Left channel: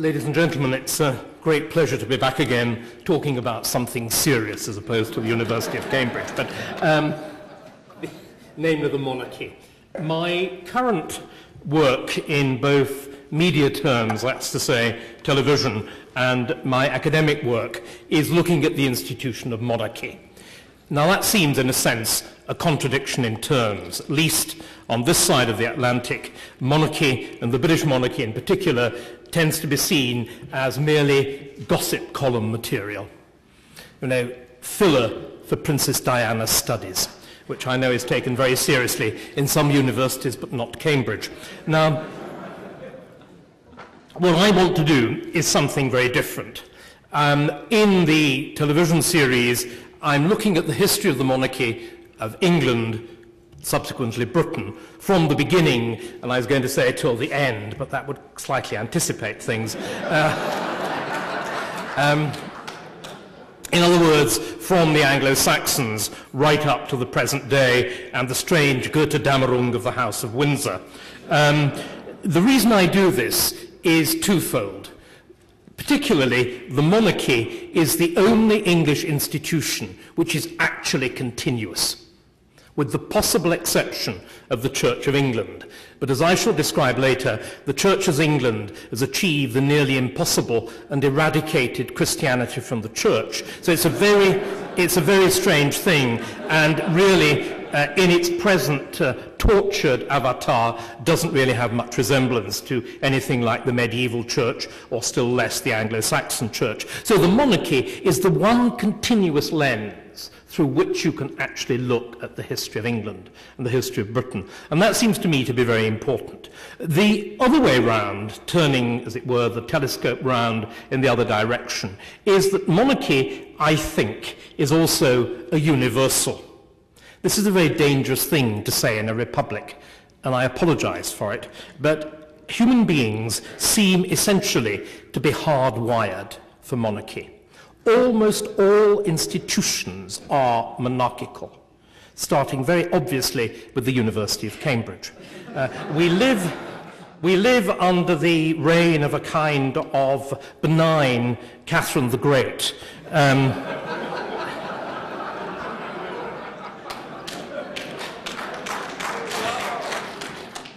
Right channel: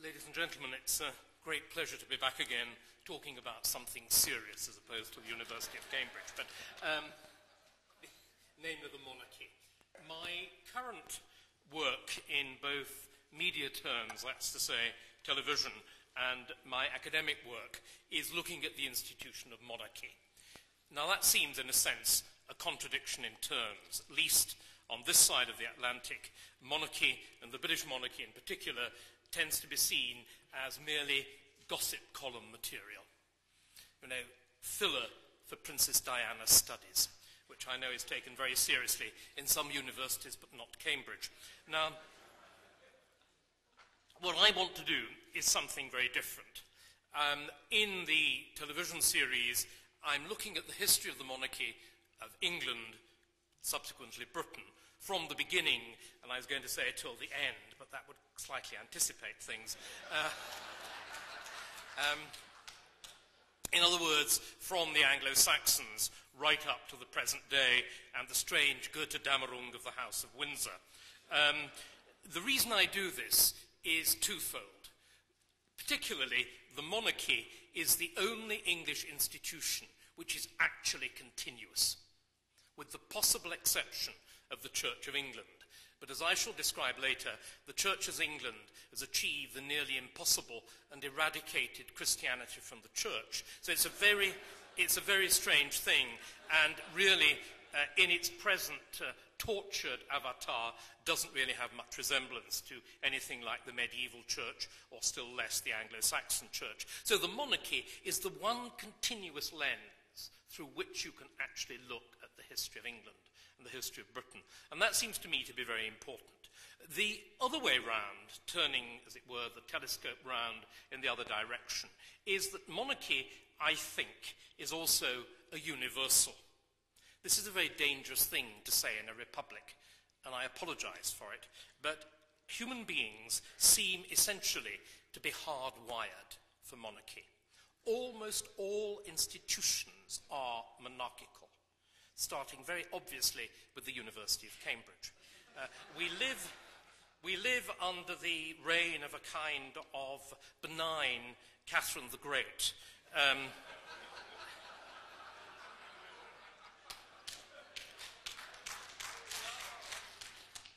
Ladies and gentlemen, it's a great pleasure to be back again talking about something serious as opposed to the University of Cambridge, but namely the monarchy. My current work in both media terms, that's to say television, and my academic work is looking at the institution of monarchy. Now that seems, in a sense, a contradiction in terms. At least on this side of the Atlantic, monarchy, and the British monarchy in particular, tends to be seen as merely gossip column material. You know, filler for Princess Diana's studies, which I know is taken very seriously in some universities, but not Cambridge. Now, what I want to do is something very different. In the television series, I'm looking at the history of the monarchy of England, subsequently Britain, from the beginning, and I was going to say till the end, but that would slightly anticipate things. In other words, from the Anglo Saxons right up to the present day and the strange Götterdämmerung of the House of Windsor. The reason I do this is twofold. Particularly, the monarchy is the only English institution which is actually continuous, with the possible exception of the Church of England. But as I shall describe later, the Church of England has achieved the nearly impossible and eradicated Christianity from the Church. So it's a very strange thing, and really, in its present tortured avatar, doesn't really have much resemblance to anything like the medieval church, or still less the Anglo-Saxon church. So the monarchy is the one continuous lens through which you can actually look at the history of England and the history of Britain. And that seems to me to be very important. The other way round, turning, as it were, the telescope round in the other direction, is that monarchy, I think, is also a universal. This is a very dangerous thing to say in a republic, and I apologize for it, but human beings seem essentially to be hardwired for monarchy. Almost all institutions are monarchical, starting very obviously with the University of Cambridge. We live under the reign of a kind of benign Catherine the Great.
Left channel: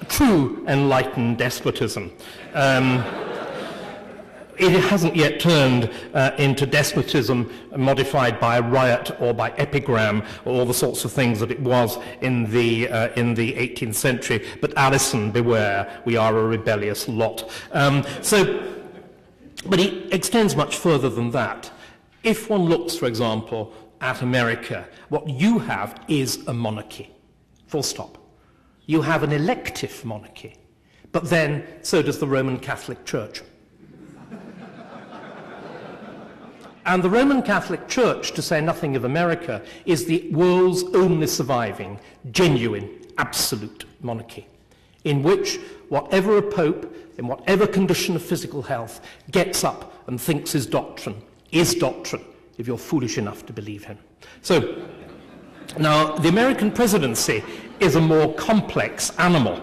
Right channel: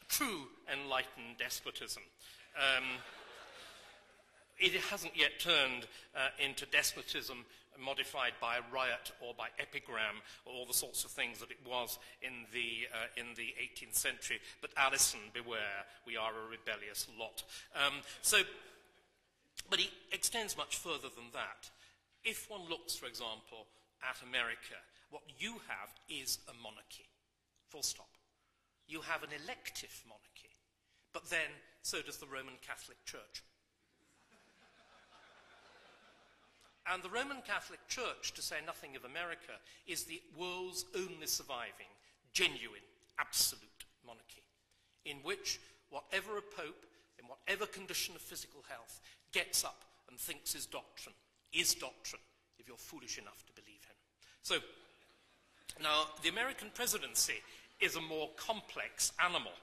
True enlightened despotism. It hasn't yet turned into despotism modified by riot or by epigram or all the sorts of things that it was in the 18th century. But Alison, beware, we are a rebellious lot. But it extends much further than that. If one looks, for example, at America, what you have is a monarchy, full stop. You have an elective monarchy, but then so does the Roman Catholic Church. And the Roman Catholic Church, to say nothing of America, is the world's only surviving, genuine, absolute monarchy, in which whatever a pope, in whatever condition of physical health, gets up and thinks is doctrine, if you're foolish enough to believe him. So, now, the American presidency is a more complex animal.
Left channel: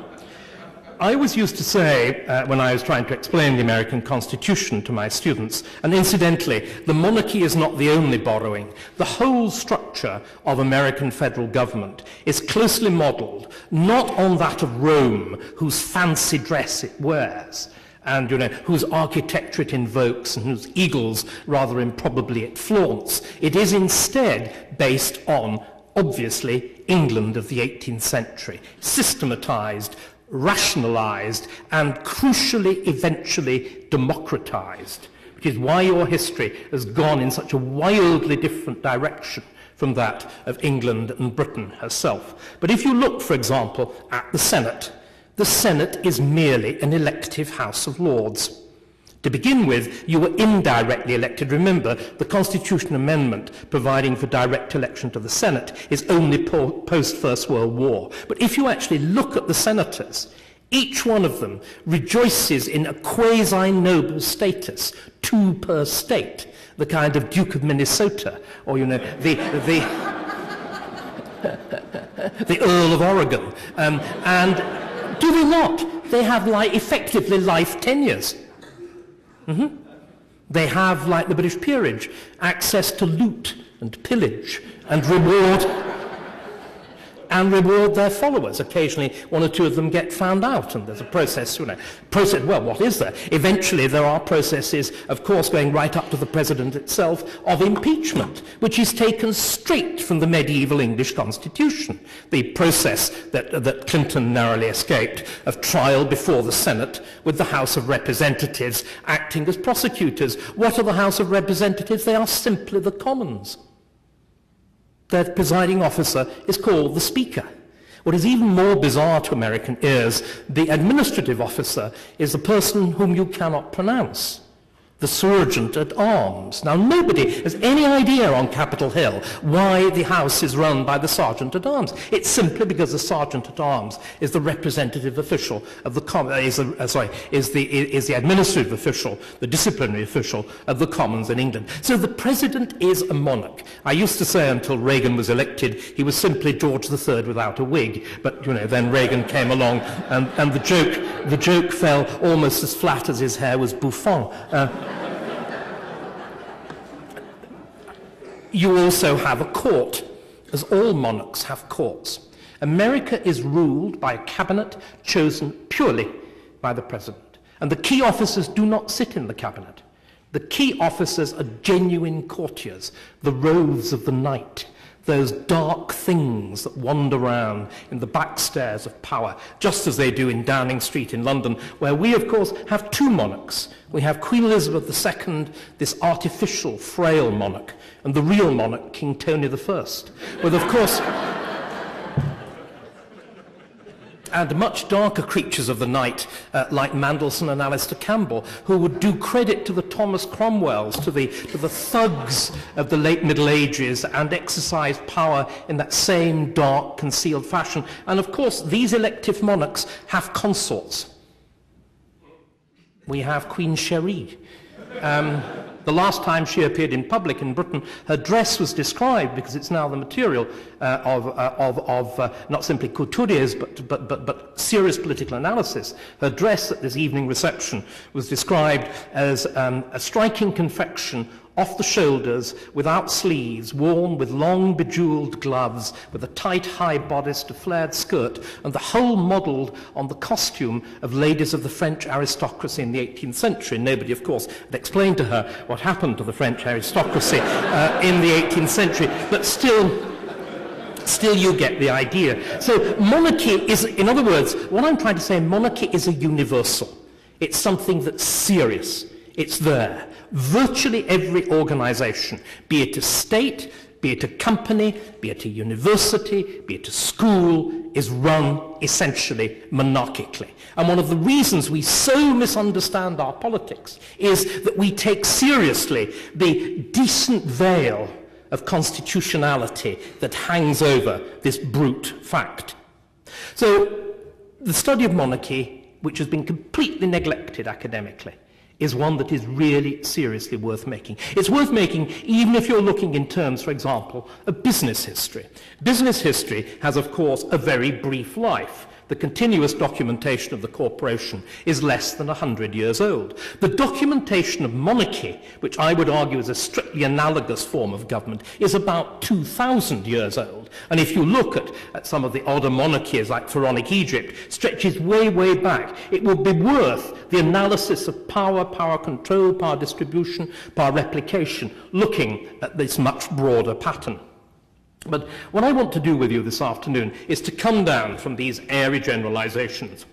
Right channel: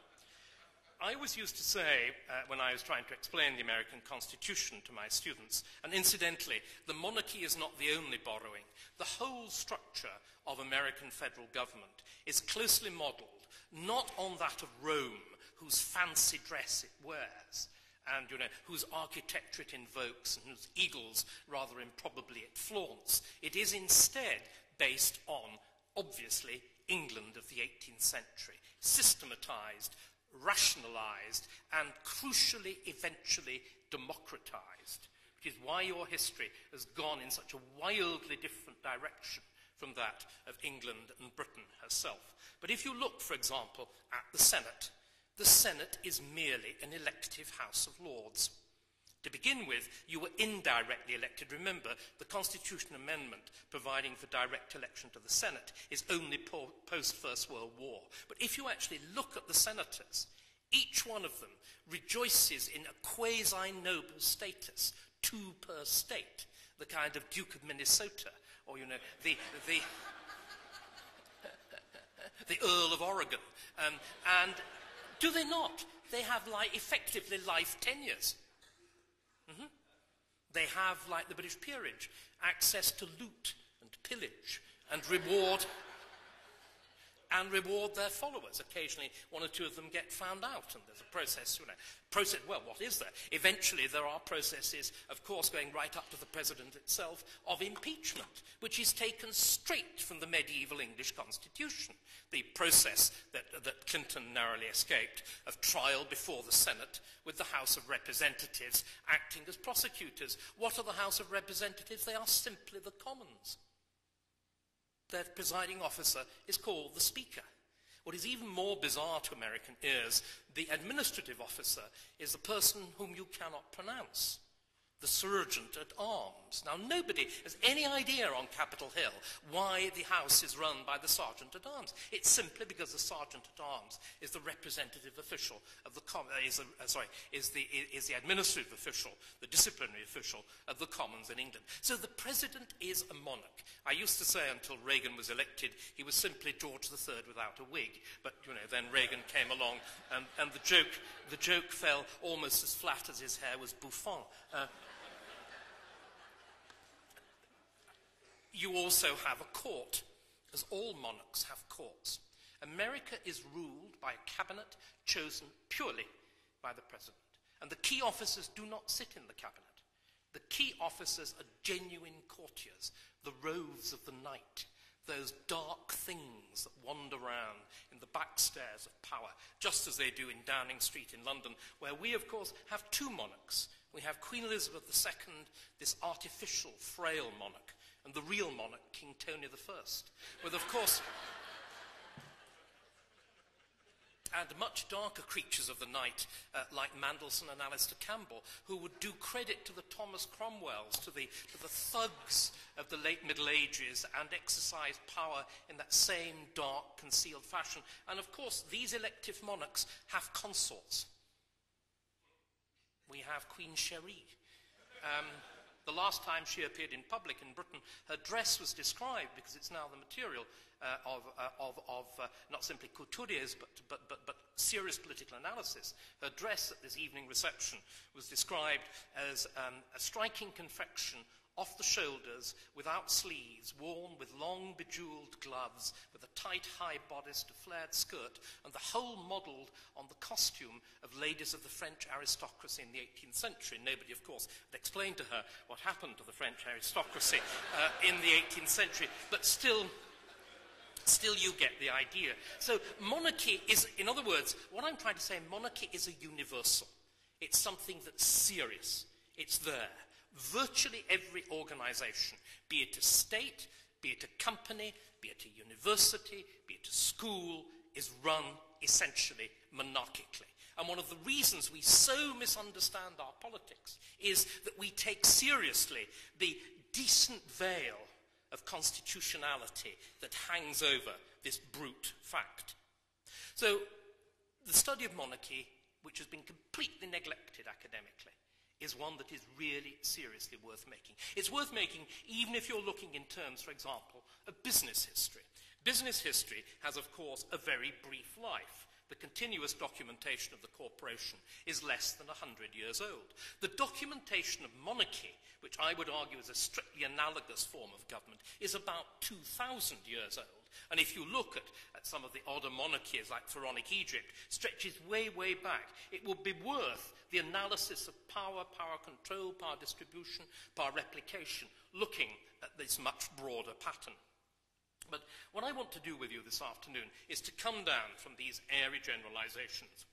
I always used to say, when I was trying to explain the American Constitution to my students, and incidentally, the monarchy is not the only borrowing. The whole structure of American federal government is closely modeled, not on that of Rome, whose fancy dress it wears, and whose architecture it invokes, and whose eagles, rather improbably, it flaunts. It is instead based on, obviously, England of the 18th century, systematized, rationalized, and crucially, eventually democratized, which is why your history has gone in such a wildly different direction from that of England and Britain herself. But if you look, for example, at the Senate is merely an elective House of Lords. To begin with, you were indirectly elected. Remember, the Constitution Amendment providing for direct election to the Senate is only post-First World War. But if you actually look at the senators, each one of them rejoices in a quasi-noble status, 2 per state, the kind of Duke of Minnesota, or, the Earl of Oregon. And do they not? They have effectively life tenures. They have, like the British peerage, access to loot and pillage and reward their followers. Occasionally, one or two of them get found out, and there's a process, well, what is there? Eventually, there are processes, of course, going right up to the president itself, of impeachment, which is taken straight from the medieval English constitution. The process that Clinton narrowly escaped of trial before the Senate, with the House of Representatives acting as prosecutors. What are the House of Representatives? They are simply the Commons. Their presiding officer is called the Speaker. What is even more bizarre to American ears, the administrative officer is the person whom you cannot pronounce, the Sergeant at Arms. Now, nobody has any idea on Capitol Hill why the House is run by the Sergeant at Arms. It's simply because the Sergeant at Arms is the representative official of the is the administrative official, the disciplinary official of the Commons in England. So the President is a monarch. I used to say until Reagan was elected, he was simply George III without a wig. But then Reagan came along, and the joke fell almost as flat as his hair was bouffant. You also have a court, as all monarchs have courts. America is ruled by a cabinet chosen purely by the president. And the key officers do not sit in the cabinet. The key officers are genuine courtiers, the rogues of the night, those dark things that wander around in the backstairs of power, just as they do in Downing Street in London, where we, of course, have two monarchs. We have Queen Elizabeth II, this artificial, frail monarch, and the real monarch, King Tony I, with, of course, and much darker creatures of the night, like Mendelssohn and Alistair Campbell, who would do credit to the Thomas Cromwells, to the thugs of the late Middle Ages, and exercise power in that same dark, concealed fashion. And of course, these elective monarchs have consorts. We have Queen Cherie. The last time she appeared in public in Britain, her dress was described, because it's now the material of not simply couturiers, but serious political analysis. Her dress at this evening reception was described as a striking confection off the shoulders, without sleeves, worn with long bejewelled gloves, with a tight high bodice to flared skirt, and the whole modelled on the costume of ladies of the French aristocracy in the 18th century. Nobody, of course, had explained to her what happened to the French aristocracy in the 18th century, but still you get the idea. So monarchy is, in other words, what I'm trying to say, monarchy is a universal. It's something that's serious. It's there. Virtually every organization, be it a state, be it a company, be it a university, be it a school, is run essentially monarchically. And one of the reasons we so misunderstand our politics is that we take seriously the decent veil of constitutionality that hangs over this brute fact. So the study of monarchy, which has been completely neglected academically, is one that is really seriously worth making. It's worth making even if you're looking in terms, for example, of business history. Business history has, of course, a very brief life. The continuous documentation of the corporation is less than 100 years old. The documentation of monarchy, which I would argue is a strictly analogous form of government, is about 2,000 years old. And if you look at some of the older monarchies, like Pharaonic Egypt, stretches way, way back. It would be worth the analysis of power, power control, power distribution, power replication, looking at this much broader pattern. But what I want to do with you this afternoon is to come down from these airy generalizations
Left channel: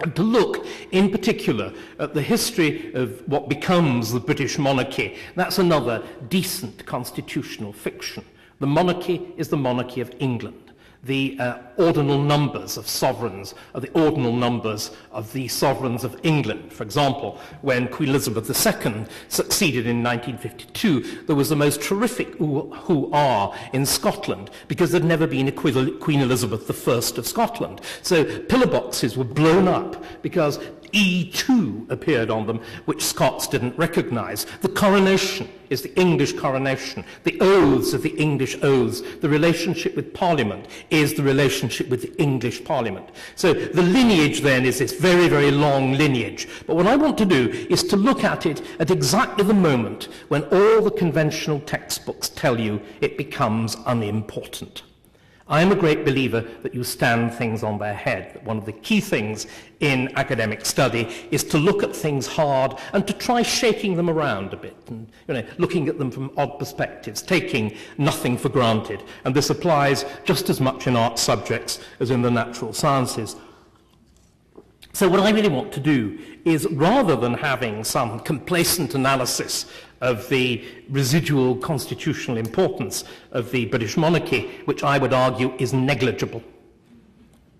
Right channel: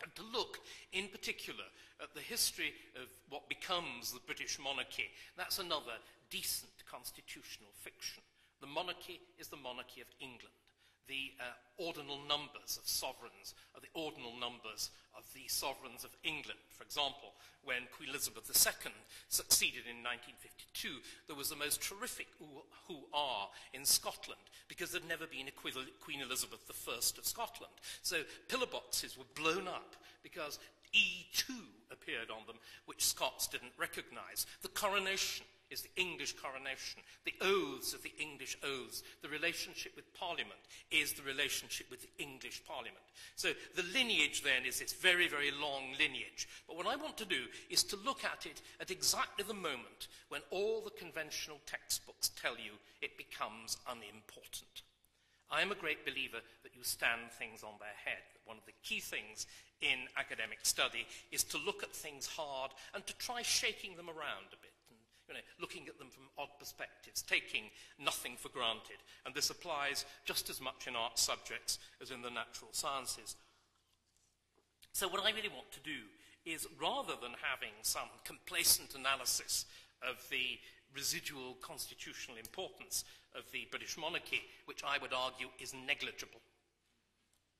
and to look in particular at the history of what becomes the British monarchy. That's another decent constitutional fiction. The monarchy is the monarchy of England. The ordinal numbers of sovereigns are the ordinal numbers of the sovereigns of England. For example, when Queen Elizabeth II succeeded in 1952, there was the most terrific hoo-ah in Scotland, because there'd never been a Queen Elizabeth I of Scotland. So pillar boxes were blown up, because E2 appeared on them, which Scots didn't recognise. The coronation is the English coronation. The oaths are the English oaths. The relationship with Parliament is the relationship with the English Parliament. So the lineage then is this very, very long lineage. But what I want to do is to look at it at exactly the moment when all the conventional textbooks tell you it becomes unimportant. I am a great believer that you stand things on their head. That one of the key things in academic study is to look at things hard and to try shaking them around a bit and looking at them from odd perspectives, taking nothing for granted. And this applies just as much in art subjects as in the natural sciences. So what I really want to do is, rather than having some complacent analysis of the residual constitutional importance of the British monarchy, which I would argue is negligible,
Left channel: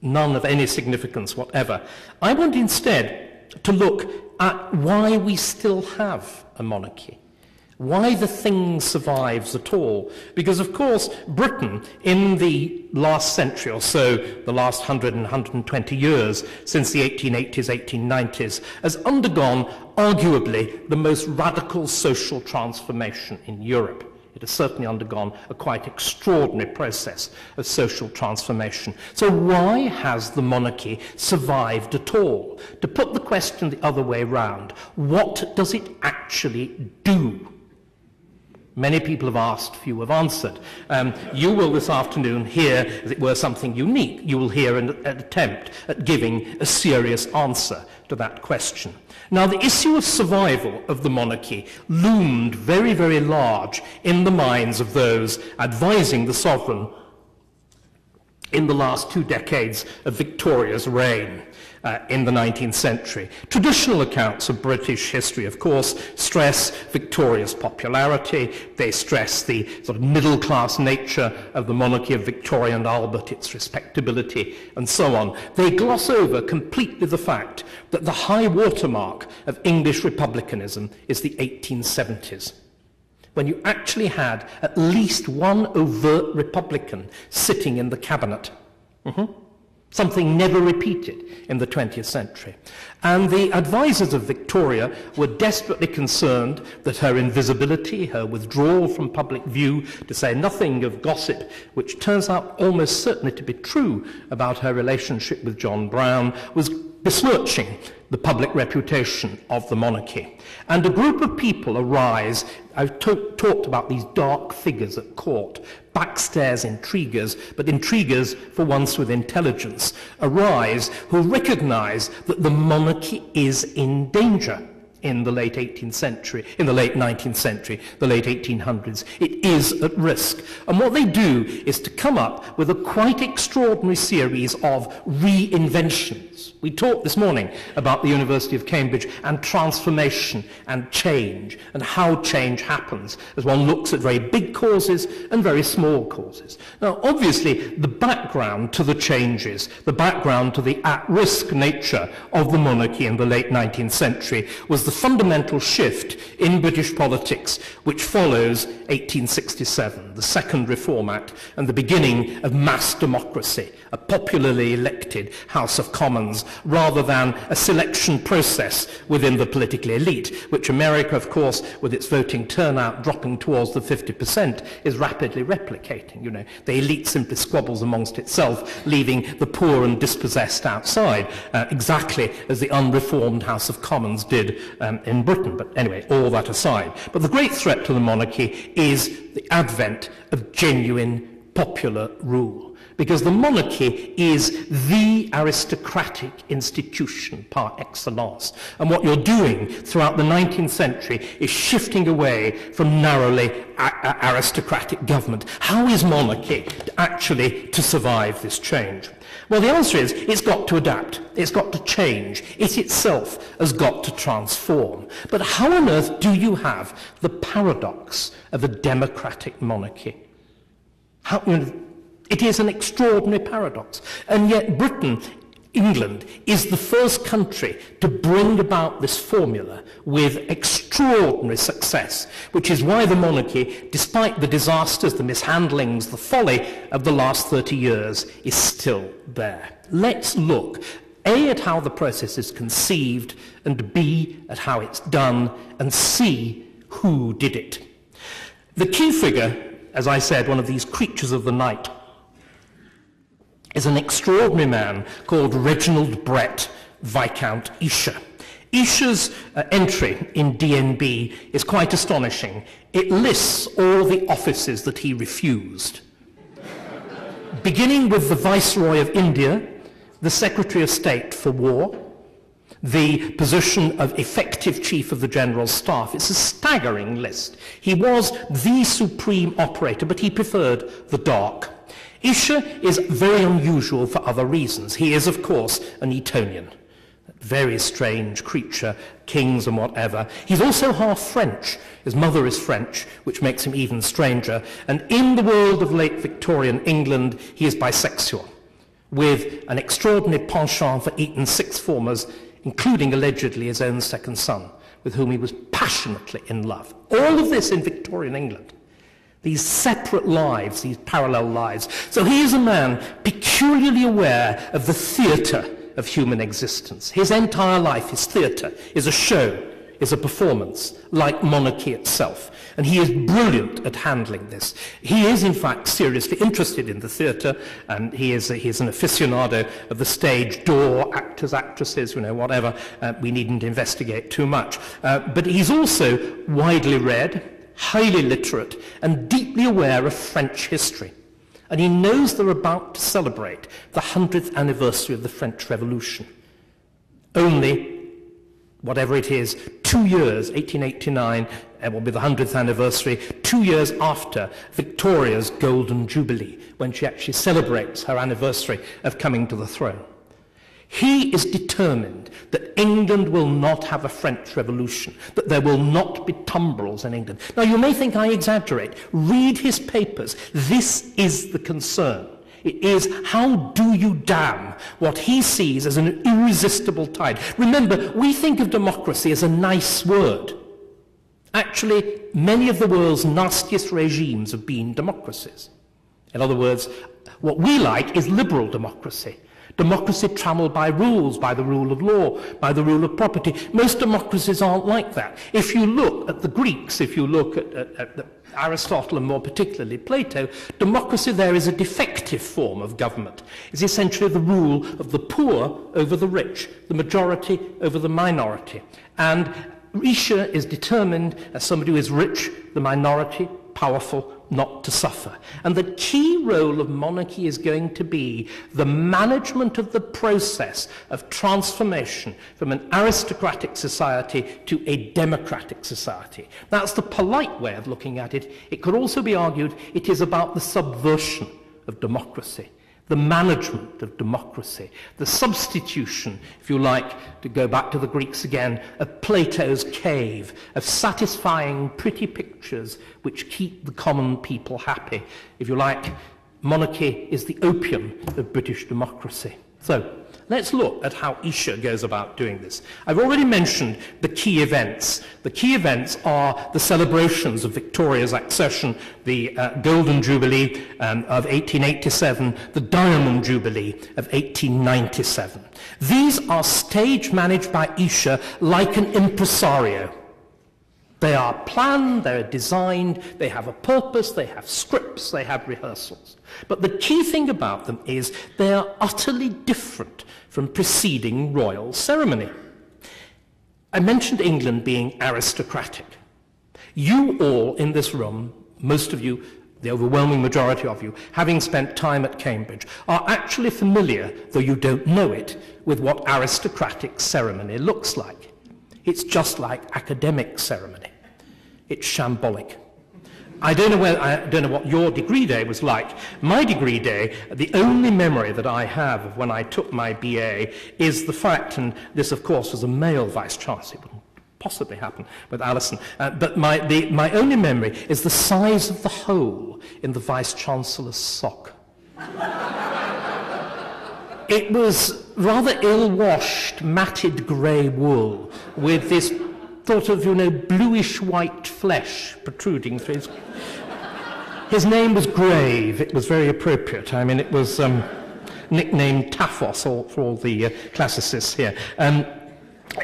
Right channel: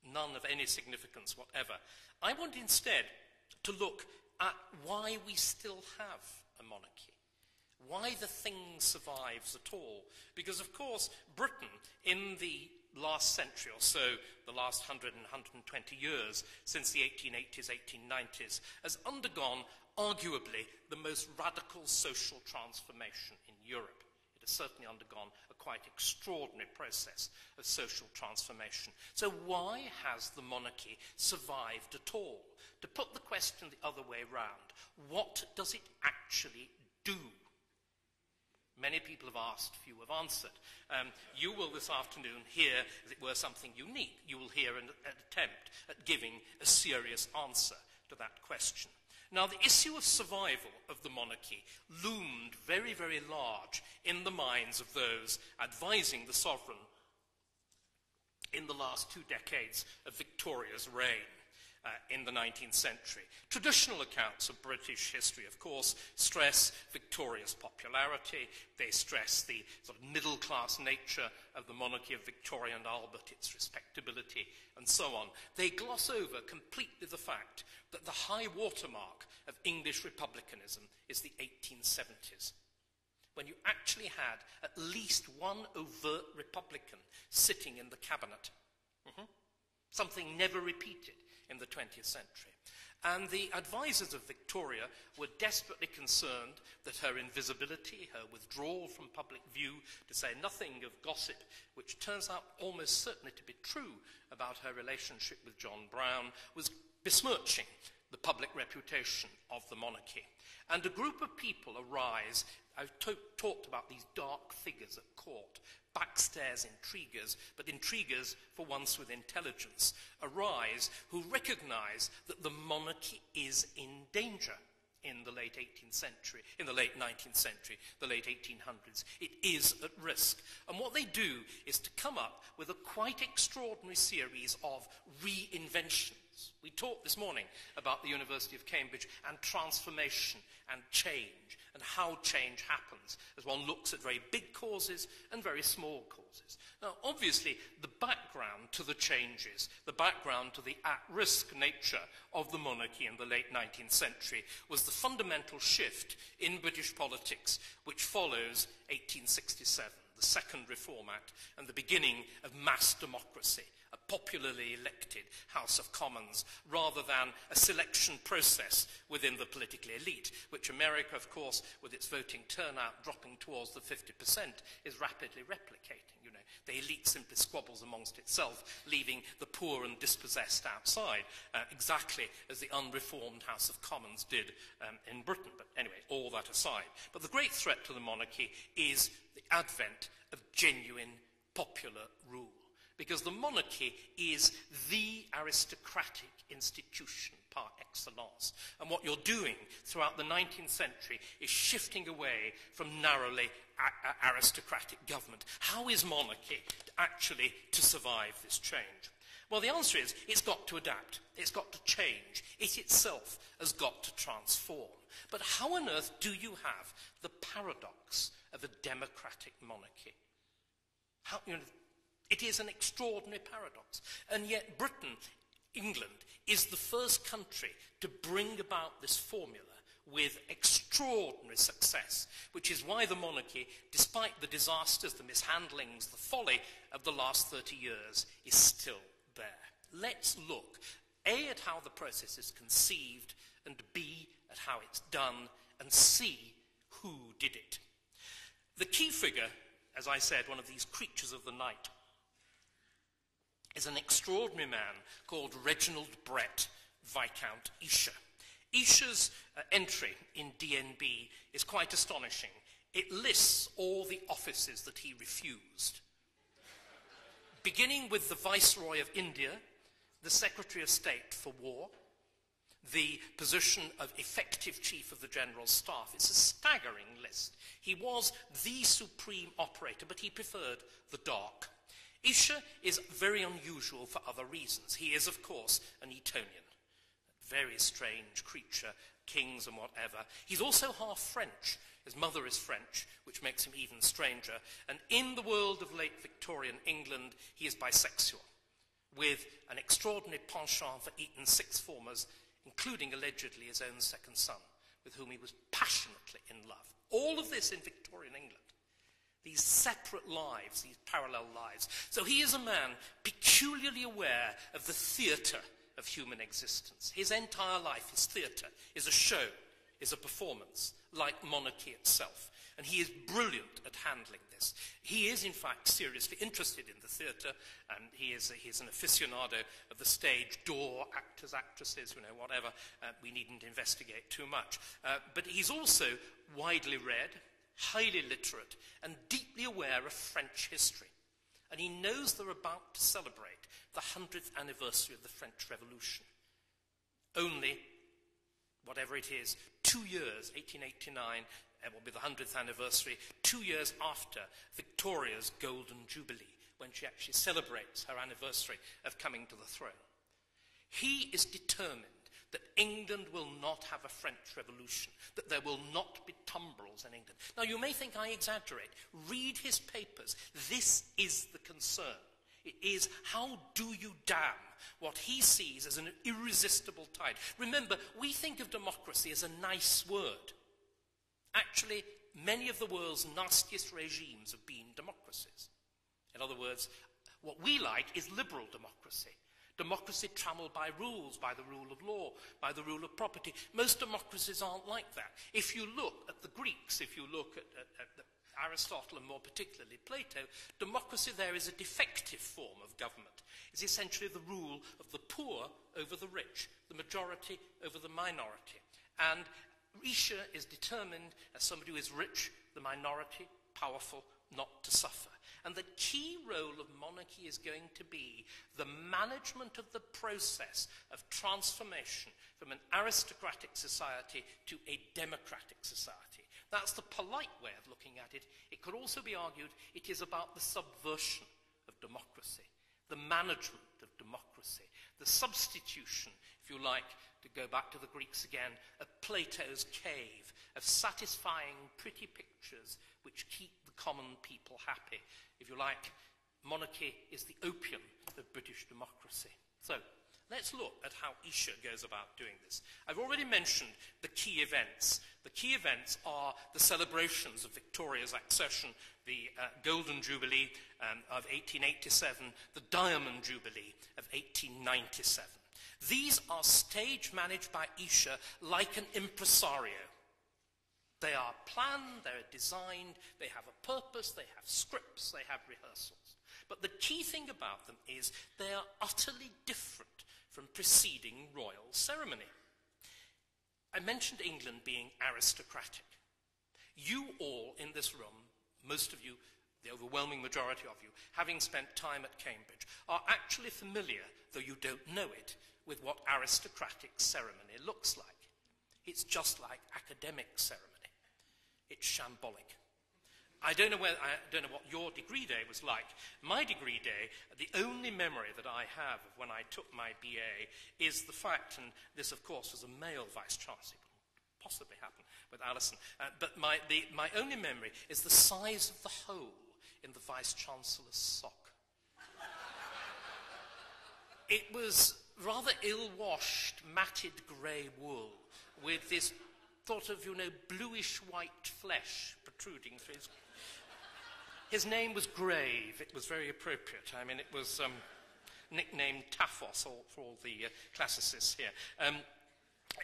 none of any significance whatever, I want instead to look at why we still have a monarchy, why the thing survives at all. Because, of course, Britain, in the last century or so, the last 100 and 120 years, since the 1880s, 1890s, has undergone arguably the most radical social transformation in Europe. It has certainly undergone a quite extraordinary process of social transformation. So why has the monarchy survived at all? To put the question the other way round, what does it actually do? Many people have asked, few have answered. You will this afternoon hear, as it were, something unique. You will hear an attempt at giving a serious answer to that question. Now, the issue of survival of the monarchy loomed very, very large in the minds of those advising the sovereign in the last 2 decades of Victoria's reign. In the 19th century. Traditional accounts of British history, of course, stress Victoria's popularity. They stress the sort of middle-class nature of the monarchy of Victoria and Albert, its respectability, and so on. They gloss over completely the fact that the high watermark of English republicanism is the 1870s, when you actually had at least one overt republican sitting in the cabinet. Something never repeated in the 20th century. And the advisors of Victoria were desperately concerned that her invisibility, her withdrawal from public view, to say nothing of gossip, which turns out almost certainly to be true about her relationship with John Brown, was besmirching the public reputation of the monarchy. And a group of people arise. I've talked about these dark figures at court, backstairs intriguers, but intriguers for once with intelligence, arise who recognize that the monarchy is in danger in the late 18th century, in the late 19th century, the late 1800s. It is at risk. And what they do is to come up with a quite extraordinary series of reinventions. We talked this morning about the University of Cambridge and transformation and change and how change happens as one looks at very big causes and very small causes. Now, obviously, the background to the changes, the background to the at-risk nature of the monarchy in the late 19th century was the fundamental shift in British politics which follows 1867, the Second Reform Act, and the beginning of mass democracy, a popularly elected House of Commons, rather than a selection process within the political elite, which America, of course, with its voting turnout dropping towards the 50%, is rapidly replicating. The elite simply squabbles amongst itself, leaving the poor and dispossessed outside, exactly as the unreformed House of Commons did in Britain. But anyway, all that aside. But the great threat to the monarchy is the advent of genuine popular rule. Because the monarchy is the aristocratic institution par excellence. And what you're doing throughout the 19th century is shifting away from narrowly aristocratic government. How is monarchy actually to survive this change? Well, the answer is it's got to adapt. It's got to change. It itself has got to transform. But how on earth do you have the paradox of a democratic monarchy? It is an extraordinary paradox. And yet Britain, England, is the first country to bring about this formula with extraordinary success, which is why the monarchy, despite the disasters, the mishandlings, the folly of the last 30 years, is still there. Let's look A, at how the process is conceived, and B, at how it's done, and C, who did it. The key figure, as I said, one of these creatures of the night, is an extraordinary man called Reginald Brett, Viscount Esher. Esher's entry in DNB is quite astonishing. It lists all the offices that he refused, beginning with the Viceroy of India, the Secretary of State for War, the position of effective Chief of the General Staff. It's a staggering list. He was the supreme operator, but he preferred the dark. Esher is very unusual for other reasons. He is, of course, an Etonian. Very strange creature, kings and whatever. He's also half French. His mother is French, which makes him even stranger. And in the world of late Victorian England, he is bisexual, with an extraordinary penchant for Eton sixth formers, including allegedly his own second son, with whom he was passionately in love. All of this in Victorian England. These separate lives, these parallel lives. So he is a man peculiarly aware of the theatre of human existence. His entire life, his theatre, is a show, is a performance, like monarchy itself. And he is brilliant at handling this. He is, in fact, seriously interested in the theatre, and he is an aficionado of the stage door, actors, actresses, whatever. We needn't investigate too much. But he's also widely read, highly literate, and deeply aware of French history. And he knows they're about to celebrate the 100th anniversary of the French Revolution. Only, whatever it is, 2 years, 1889, will be the 100th anniversary, 2 years after Victoria's Golden Jubilee, when she actually celebrates her anniversary of coming to the throne. He is determined that England will not have a French Revolution, that there will not be tumbrils in England. Now, you may think I exaggerate. Read his papers. This is the concern. It is, how do you dam what he sees as an irresistible tide? Remember, we think of democracy as a nice word. Actually, many of the world's nastiest regimes have been democracies. In other words, what we like is liberal democracy. Democracy trammelled by rules, by the rule of law, by the rule of property. Most democracies aren't like that. If you look at the Greeks, if you look at Aristotle and more particularly Plato, democracy there is a defective form of government. It's essentially the rule of the poor over the rich, the majority over the minority. And Esher is determined, as somebody who is rich, the minority, powerful, not to suffer. And the key role of monarchy is going to be the management of the process of transformation from an aristocratic society to a democratic society. That's the polite way of looking at it. It could also be argued it is about the subversion of democracy, the management of democracy, the substitution, if you like, to go back to the Greeks again, of Plato's cave, of satisfying pretty pictures which keep the common people happy. If you like, monarchy is the opium of British democracy. So, let's look at how Esher goes about doing this. I've already mentioned the key events. The key events are the celebrations of Victoria's accession, the Golden Jubilee of 1887, the Diamond Jubilee of 1897. These are stage managed by Esher like an impresario. They are planned, they're designed, they have a purpose, they have scripts, they have rehearsals. But the key thing about them is they are utterly different from preceding royal ceremony. I mentioned England being aristocratic. You all in this room, most of you, the overwhelming majority of you, having spent time at Cambridge, are actually familiar, though you don't know it, with what aristocratic ceremony looks like. It's just like academic ceremony. It's shambolic. I don't know what your degree day was like. My degree day, the only memory that I have of when I took my BA is the fact, and this of course was a male vice-chancellor, it wouldn't possibly happen with Alison, but my only memory is the size of the hole in the vice-chancellor's sock. It was rather ill-washed, matted grey wool with this sort of, bluish-white flesh protruding through his... His name was Grave. It was very appropriate. I mean, it was nicknamed Taphos for all the classicists here.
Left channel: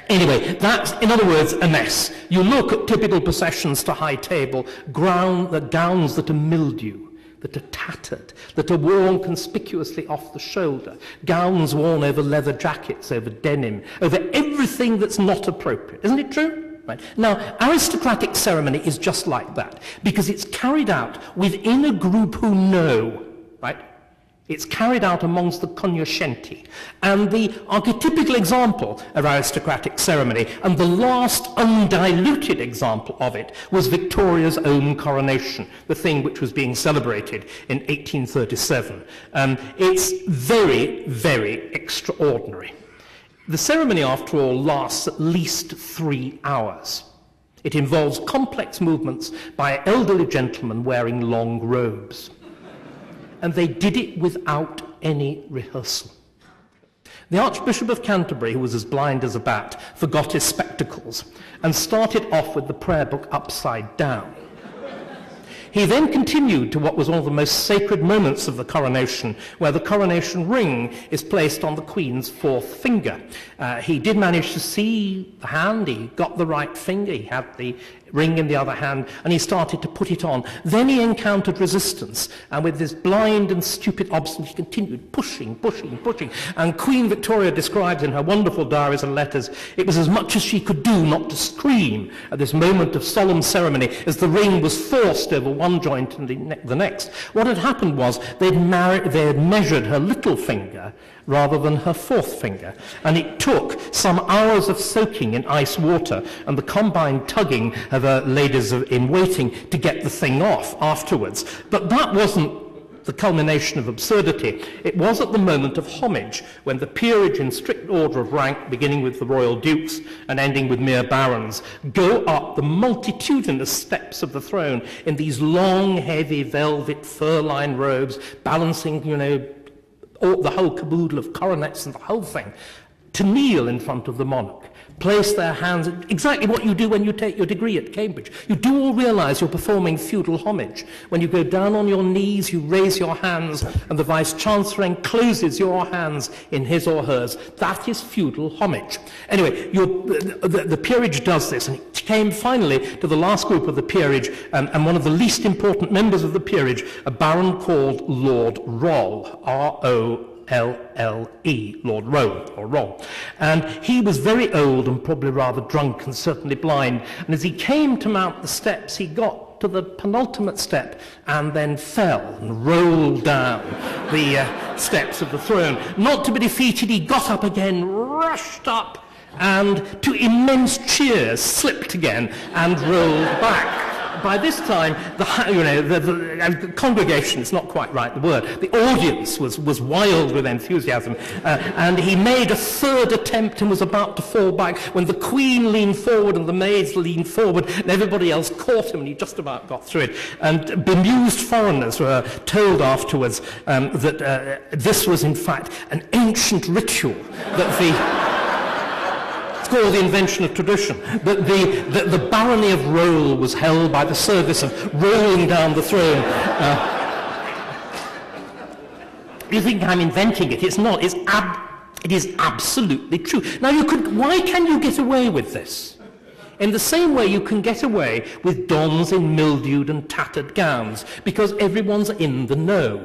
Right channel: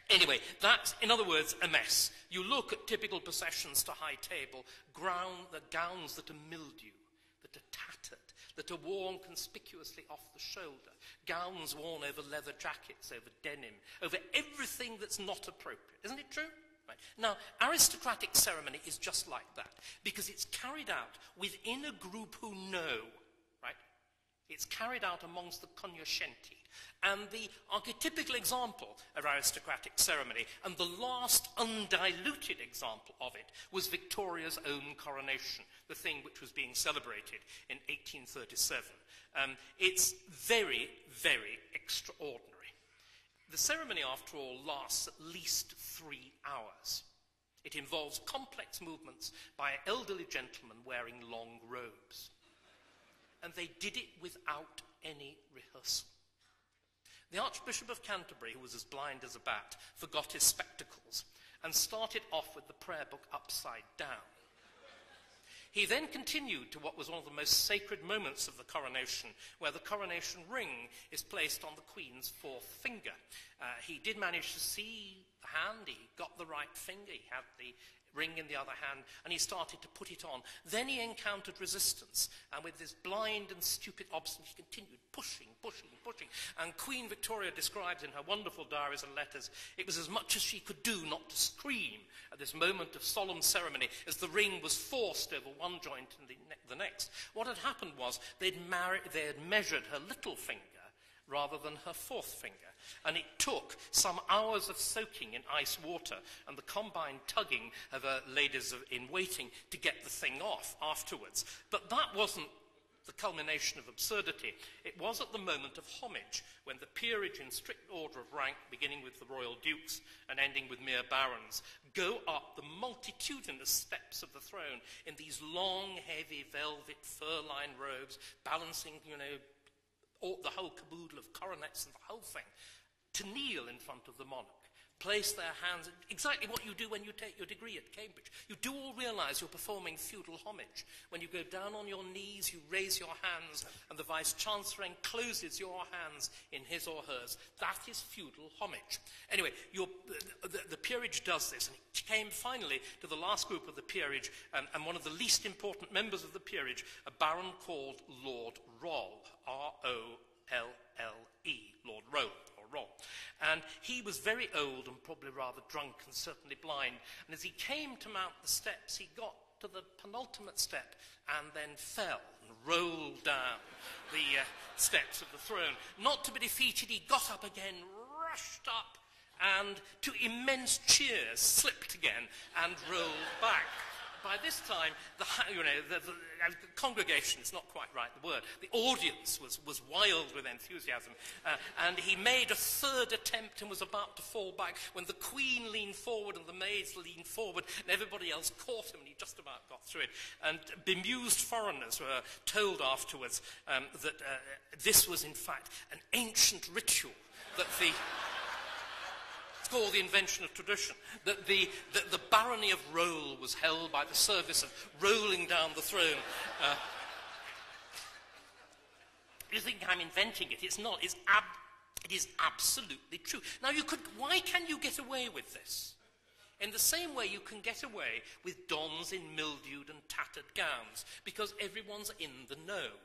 Anyway, that's, in other words, a mess. You look at typical processions to high table, gowns that are mildew, that are tattered, that are worn conspicuously off the shoulder, gowns worn over leather jackets, over denim, over everything that's not appropriate. Isn't it true? Right. Now, aristocratic ceremony is just like that, because it's carried out within a group who know, right? It's carried out amongst the cognoscenti. And the archetypical example of aristocratic ceremony, and the last undiluted example of it, was Victoria's own coronation, the thing which was being celebrated in 1837. It's very, very extraordinary. The ceremony, after all, lasts at least 3 hours. It involves complex movements by elderly gentlemen wearing long robes. And they did it without any rehearsal. The Archbishop of Canterbury, who was as blind as a bat, forgot his spectacles and started off with the prayer book upside down. He then continued to what was one of the most sacred moments of the coronation, where the coronation ring is placed on the Queen's 4th finger. He did manage to see the hand, he got the right finger, he had the ring in the other hand, and he started to put it on. Then he encountered resistance, and with this blind and stupid obstinance, he continued pushing, pushing, pushing. And Queen Victoria describes in her wonderful diaries and letters, it was as much as she could do not to scream at this moment of solemn ceremony as the ring was forced over one joint and the next. What had happened was they had measured her little finger rather than her 4th finger, and it took some hours of soaking in ice water and the combined tugging of ladies in waiting to get the thing off afterwards. But that wasn't the culmination of absurdity. It was at the moment of homage, when the peerage in strict order of rank, beginning with the royal dukes and ending with mere barons, go up the multitudinous steps of the throne in these long, heavy velvet fur-lined robes, balancing, the whole caboodle of coronets and the whole thing, to kneel in front of the monarch, place their hands, exactly what you do when you take your degree at Cambridge. You do all realize you're performing feudal homage. When you go down on your knees, you raise your hands, and the Vice-Chancellor encloses your hands in his or hers. That is feudal homage. Anyway, the peerage does this, and it came finally to the last group of the peerage, and one of the least important members of the peerage, a baron called Lord Roll, R-O-L-L-E, Lord Roll, or Roll. And he was very old and probably rather drunk and certainly blind. And as he came to mount the steps, he got to the penultimate step and then fell and rolled down the steps of the throne. Not to be defeated, he got up again, rushed up, and to immense cheers slipped again and rolled back. By this time, the congregation, it's not quite right, the word, the audience was wild with enthusiasm, and he made a 3rd attempt and was about to fall back when the Queen leaned forward and the maids leaned forward and everybody else caught him, and he just about got through it. And bemused foreigners were told afterwards that this was in fact an ancient ritual, that called the invention of tradition, that the barony of Roll was held by the service of rolling down the throne. You think I'm inventing it? It's not. It is absolutely true. Now, why can you get away with this? In the same way you can get away with dons in mildewed and tattered gowns, because everyone's in the know.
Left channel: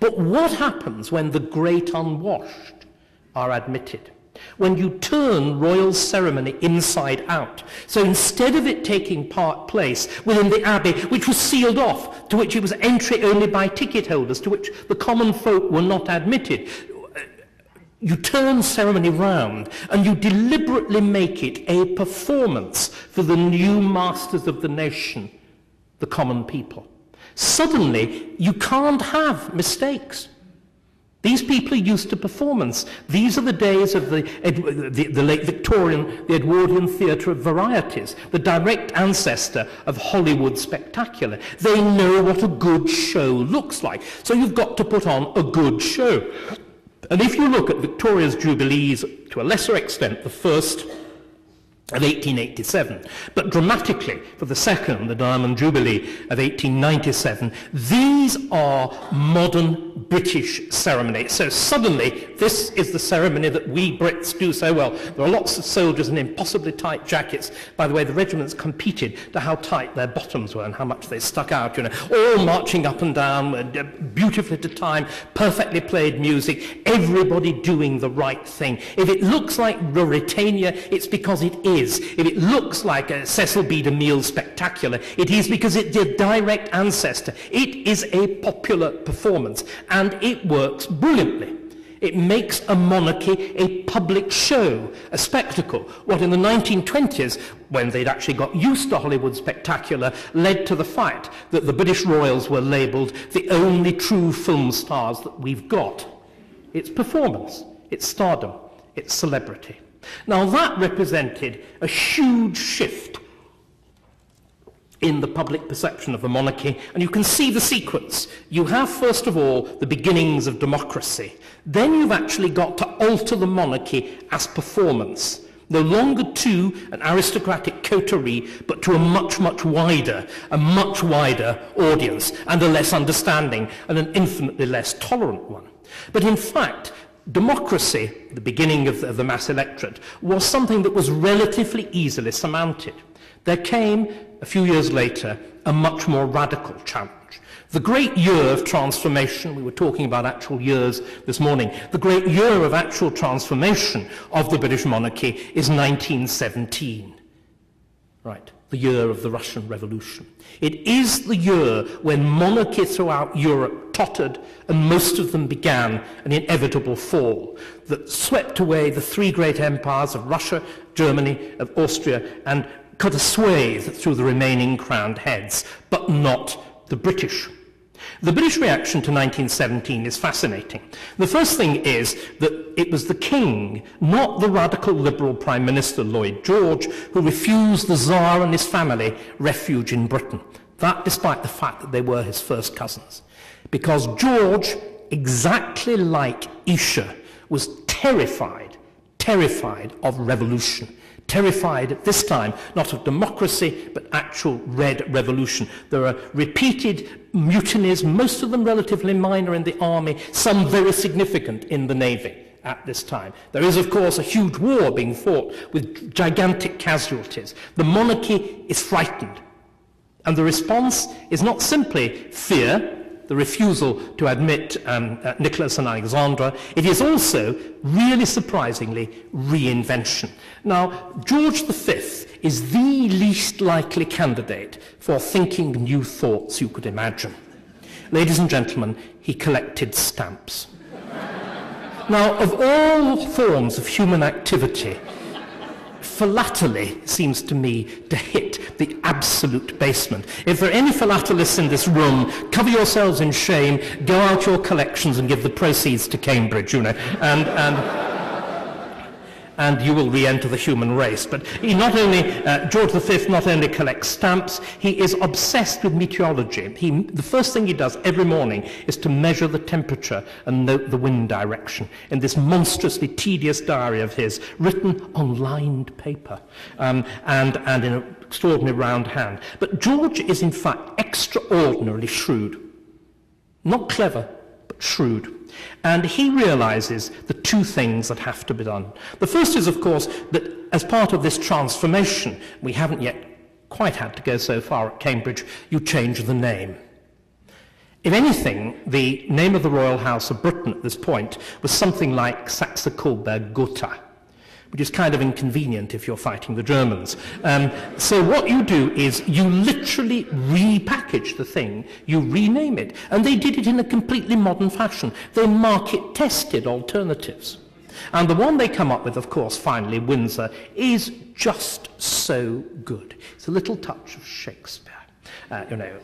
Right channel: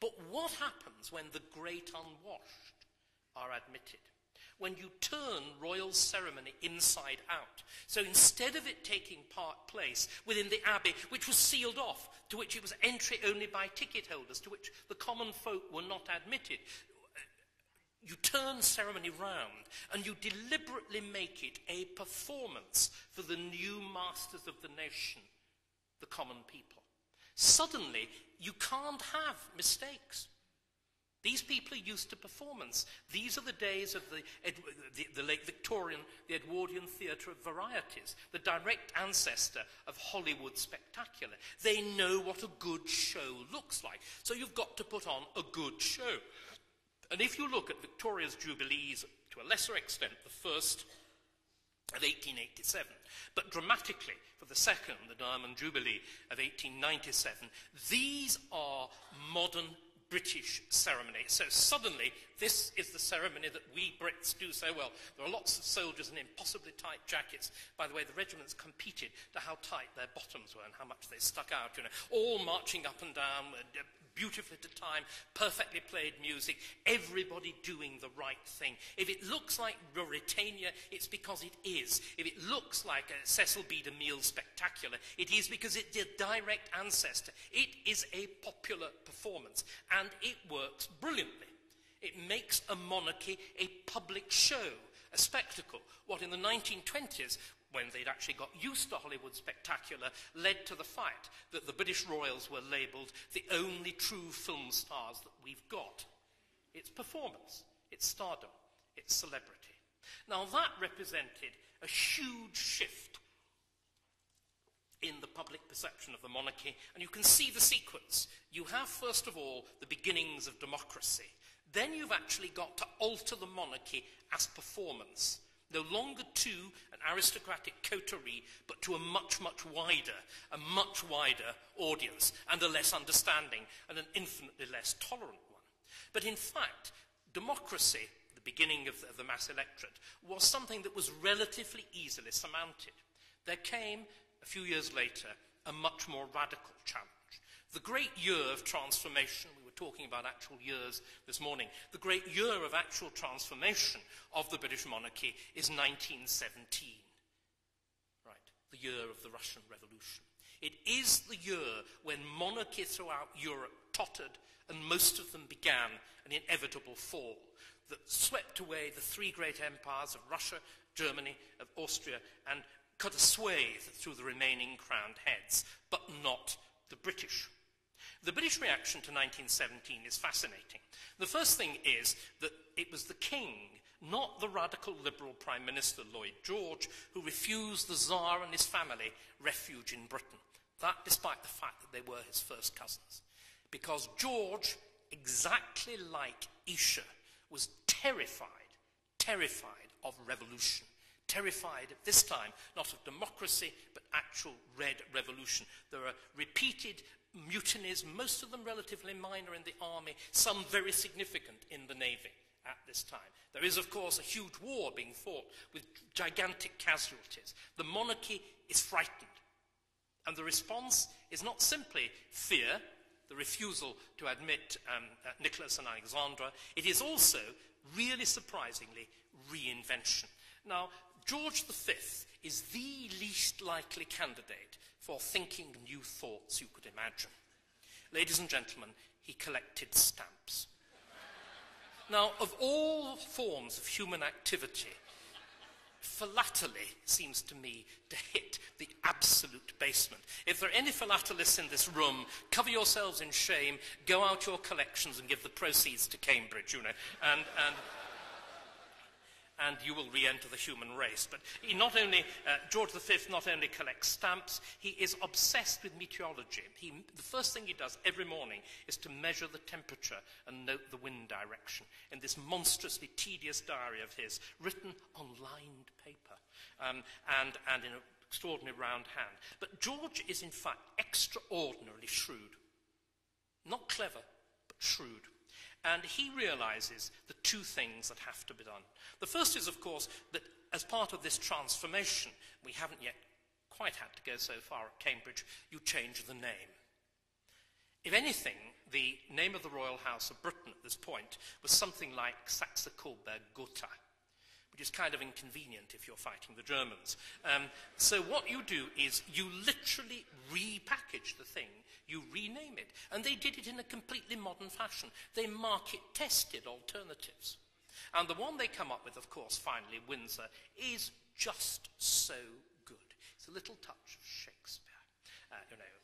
But what happens when the great unwashed are admitted? When you turn royal ceremony inside out. So instead of it taking place within the abbey, which was sealed off, to which it was entry only by ticket holders, to which the common folk were not admitted, you turn ceremony round and you deliberately make it a performance for the new masters of the nation, the common people. Suddenly, you can't have mistakes. These people are used to performance. These are the days of the late Victorian, the Edwardian theatre of varieties, the direct ancestor of Hollywood spectacular. They know what a good show looks like. So you've got to put on a good show. And if you look at Victoria's Jubilees, to a lesser extent, the first of 1887, but dramatically for the second, the Diamond Jubilee of 1897, these are modern British ceremonies. So suddenly, this is the ceremony that we Brits do so well. There are lots of soldiers in impossibly tight jackets. By the way, the regiments competed to how tight their bottoms were and how much they stuck out, all marching up and down, beautifully to time, perfectly played music, everybody doing the right thing. If it looks like Ruritania, it's because it is. If it looks like a Cecil B. DeMille spectacular, it is because it's a direct ancestor. It is a popular performance, and it works brilliantly. It makes a monarchy a public show, a spectacle. What in the 1920s, when they'd actually got used to Hollywood spectacular, led to the fact that the British royals were labelled the only true film stars that we've got. It's performance, it's stardom, it's celebrity. Now that represented a huge shift in the public perception of the monarchy, and you can see the sequence. You have, first of all, the beginnings of democracy. Then you've actually got to alter the monarchy as performance. No longer to an aristocratic coterie, but to a much, much wider audience, and a less understanding and an infinitely less tolerant one. But in fact, democracy, the beginning of the mass electorate, was something that was relatively easily surmounted. There came, a few years later, a much more radical challenge. The great year of transformation, we were talking about actual years this morning, the great year of actual transformation of the British monarchy is 1917. Right, the year of the Russian Revolution. It is the year when monarchy throughout Europe tottered and most of them began an inevitable fall that swept away the three great empires of Russia, Germany, of Austria, and cut a swathe through the remaining crowned heads, but not the British. The British reaction to 1917 is fascinating. The first thing is that it was the king, not the radical liberal Prime Minister Lloyd George, who refused the Tsar and his family refuge in Britain. That despite the fact that they were his first cousins. Because George, exactly like Isha, was terrified of revolution. Terrified at this time, not of democracy, but actual red revolution. There are repeated mutinies, most of them relatively minor in the army, some very significant in the navy at this time. There is, of course, a huge war being fought with gigantic casualties. The monarchy is frightened. And the response is not simply fear, the refusal to admit Nicholas and Alexandra. It is also, really surprisingly, reinvention. Now, George V is the least likely candidate for thinking new thoughts you could imagine. Ladies and gentlemen, he collected stamps. Now, of all forms of human activity, philately seems to me to hit the absolute basement. If there are any philatelists in this room, cover yourselves in shame, go out your collections and give the proceeds to Cambridge, and you will re-enter the human race. But he George V not only collects stamps, he is obsessed with meteorology. The first thing he does every morning is to measure the temperature and note the wind direction in this monstrously tedious diary of his, written on lined paper and in an extraordinary round hand. But George is in fact extraordinarily shrewd. Not clever, but shrewd. And he realizes the two things that have to be done. The first is, of course, that as part of this transformation, we haven't yet quite had to go so far at Cambridge, you change the name. If anything, the name of the Royal House of Britain at this point was something like Saxe-Coburg-Gotha, which is kind of inconvenient if you're fighting the Germans. So what you do is you literally repackage the thing, you rename it, and they did it in a completely modern fashion. They market-tested alternatives. And the one they come up with, of course, finally, Windsor, is just so good. It's a little touch of Shakespeare.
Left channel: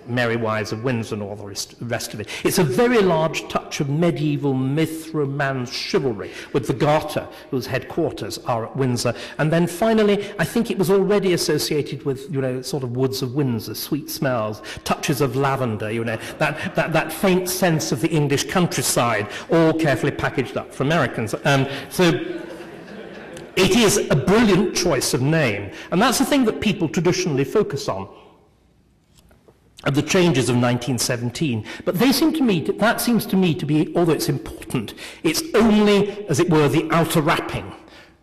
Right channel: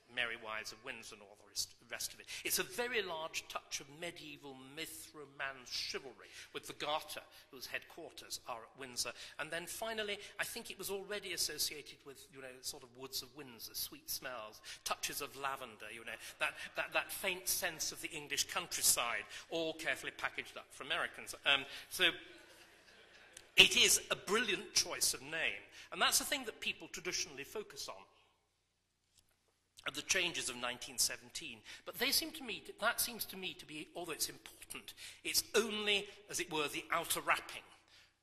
Merry Wives of Windsor and all the rest of it. It's a very large touch of medieval myth, romance, chivalry, with the Garter, whose headquarters are at Windsor. And then finally, I think it was already associated with, sort of woods of Windsor, sweet smells, touches of lavender, that faint sense of the English countryside, all carefully packaged up for Americans. So it is a brilliant choice of name, and that's the thing that people traditionally focus on, of the changes of 1917. But that seems to me to be, although it's important, it's only, as it were, the outer wrapping.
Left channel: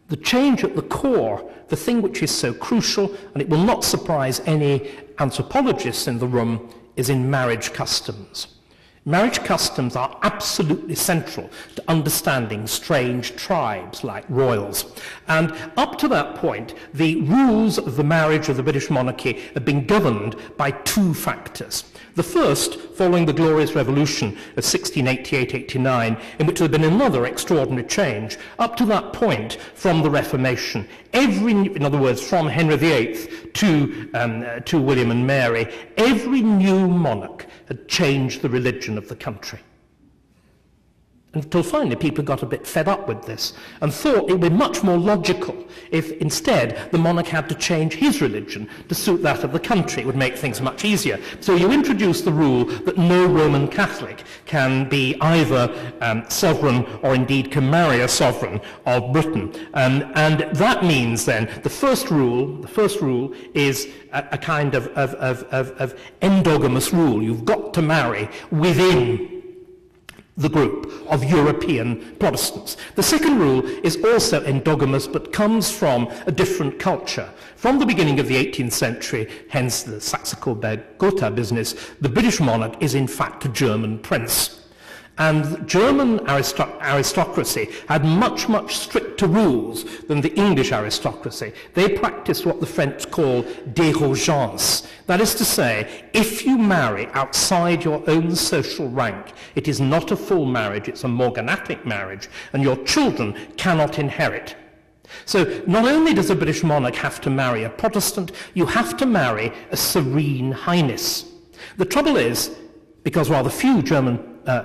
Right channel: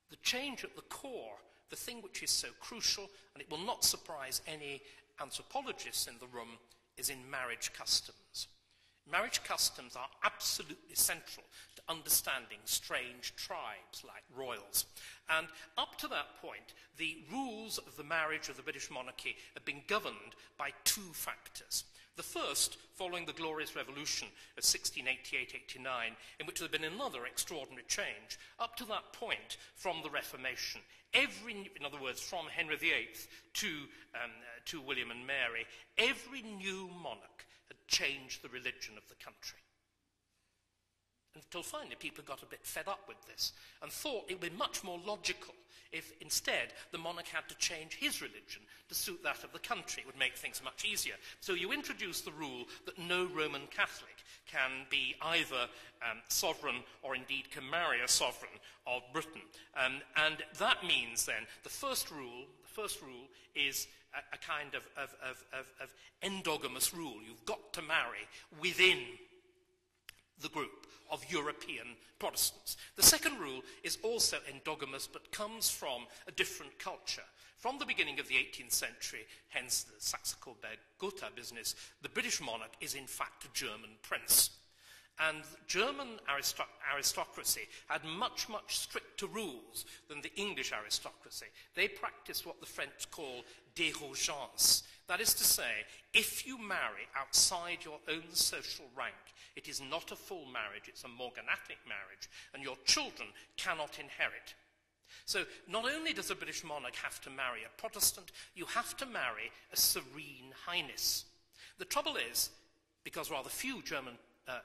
The change at the core, the thing which is so crucial, and it will not surprise any anthropologists in the room, is in marriage customs. Marriage customs are absolutely central to understanding strange tribes like royals. And up to that point, the rules of the marriage of the British monarchy have been governed by two factors. The first, following the Glorious Revolution of 1688-89, in which there had been another extraordinary change. Up to that point, from the Reformation, in other words, from Henry VIII to William and Mary, every new monarch had changed the religion of the country. Until finally people got a bit fed up with this and thought it would be much more logical if instead the monarch had to change his religion to suit that of the country. It would make things much easier. So you introduce the rule that no Roman Catholic can be either sovereign or indeed can marry a sovereign of Britain. And that means then the first rule is a kind of endogamous rule. You've got to marry within the group of European Protestants. The second rule is also endogamous, but comes from a different culture. From the beginning of the 18th century, hence the Saxe-Coburg-Gotha business, the British monarch is in fact a German prince. And German aristocracy had much, much stricter rules than the English aristocracy. They practiced what the French call dérogeance. That is to say, if you marry outside your own social rank, it is not a full marriage, it's a morganatic marriage, and your children cannot inherit. So not only does a British monarch have to marry a Protestant, you have to marry a serene highness. The trouble is, because rather few German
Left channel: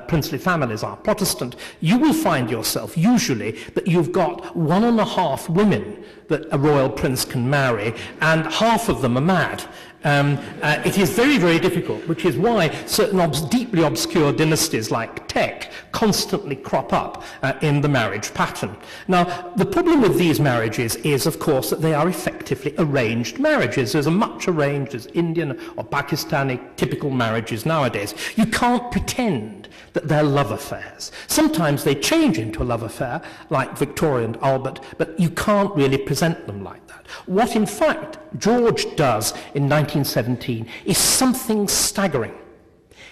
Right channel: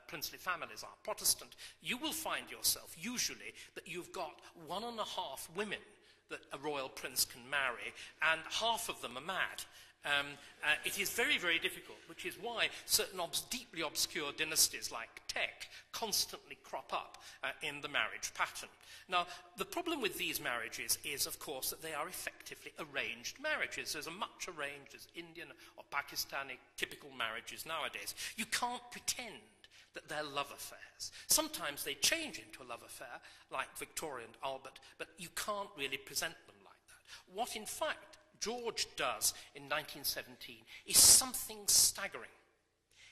princely families are Protestant, you will find yourself usually that you've got 1.5 women that a royal prince can marry, and half of them are mad. It is very, very difficult, which is why certain deeply obscure dynasties like Teck constantly crop up in the marriage pattern. Now, the problem with these marriages is, of course, that they are effectively arranged marriages. There's as much arranged as Indian or Pakistani typical marriages nowadays. You can't pretend that they're love affairs. Sometimes they change into a love affair, like Victoria and Albert, but you can't really present them like that. What, in fact, George does in 1917 is something staggering.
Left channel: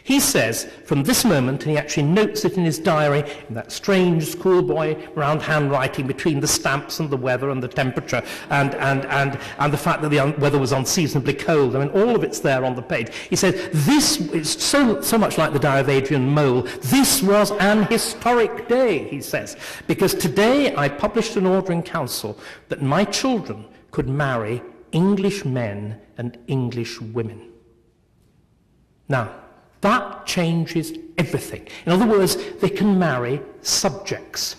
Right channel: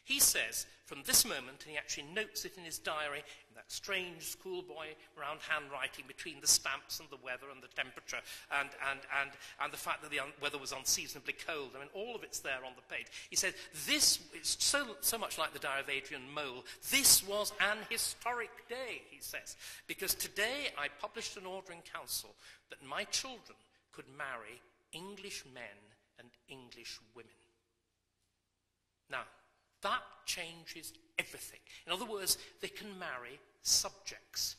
He says, from this moment, and he actually notes it in his diary, in that strange schoolboy round handwriting between the stamps and the weather and the temperature and the fact that the weather was unseasonably cold. I mean, all of it's there on the page. He says, this is so much like the diary of Adrian Mole. This was an historic day, he says, because today I published an order in council that my children could marry English men and English women. Now, that changes everything. In other words, they can marry subjects.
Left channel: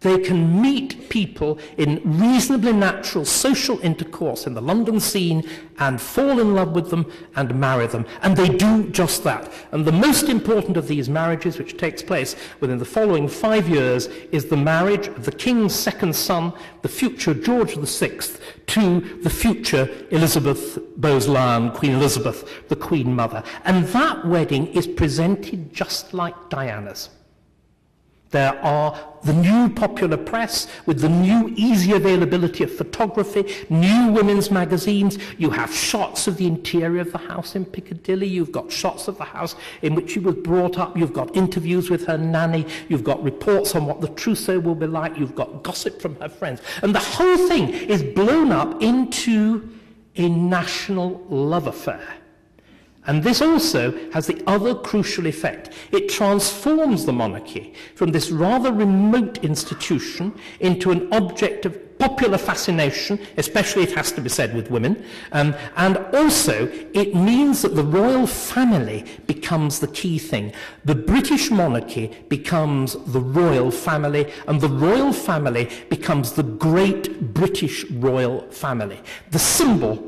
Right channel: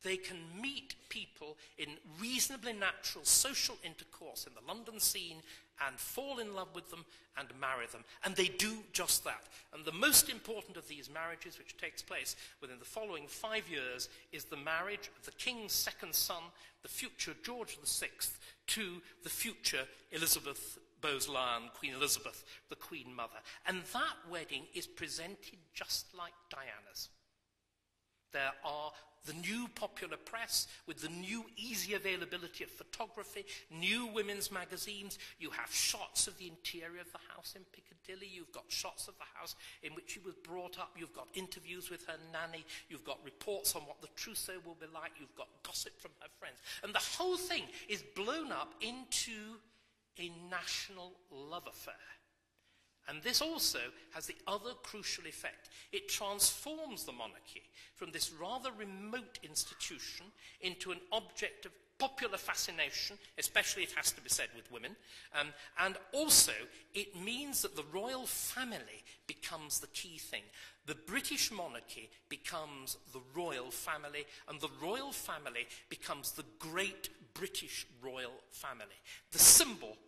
They can meet people in reasonably natural social intercourse in the London scene and fall in love with them and marry them. And they do just that. And the most important of these marriages, which takes place within the following 5 years, is the marriage of the king's second son, the future George VI, to the future Elizabeth Bowes-Lyon, Queen Elizabeth, the Queen Mother. And that wedding is presented just like Diana's. There are the new popular press with the new easy availability of photography, new women's magazines. You have shots of the interior of the house in Piccadilly. You've got shots of the house in which she was brought up. You've got interviews with her nanny. You've got reports on what the trousseau will be like. You've got gossip from her friends. And the whole thing is blown up into a national love affair. And this also has the other crucial effect. It transforms the monarchy from this rather remote institution into an object of popular fascination, especially, it has to be said, with women. And also, it means that the royal family becomes the key thing. The British monarchy becomes the royal family, and the royal family becomes the great British royal family. The symbol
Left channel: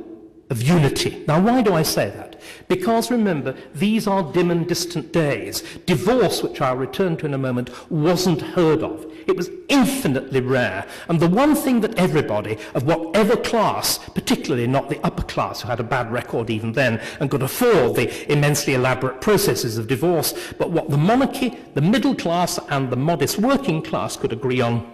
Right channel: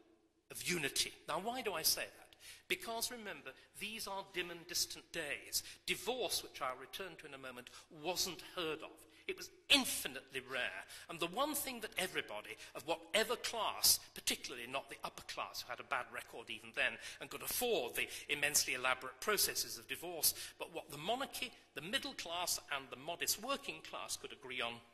of unity. Now, why do I say that? Because, remember, these are dim and distant days. Divorce, which I'll return to in a moment, wasn't heard of. It was infinitely rare. And the one thing that everybody, of whatever class, particularly not the upper class, who had a bad record even then and could afford the immensely elaborate processes of divorce, but what the monarchy, the middle class, and the modest working class could agree on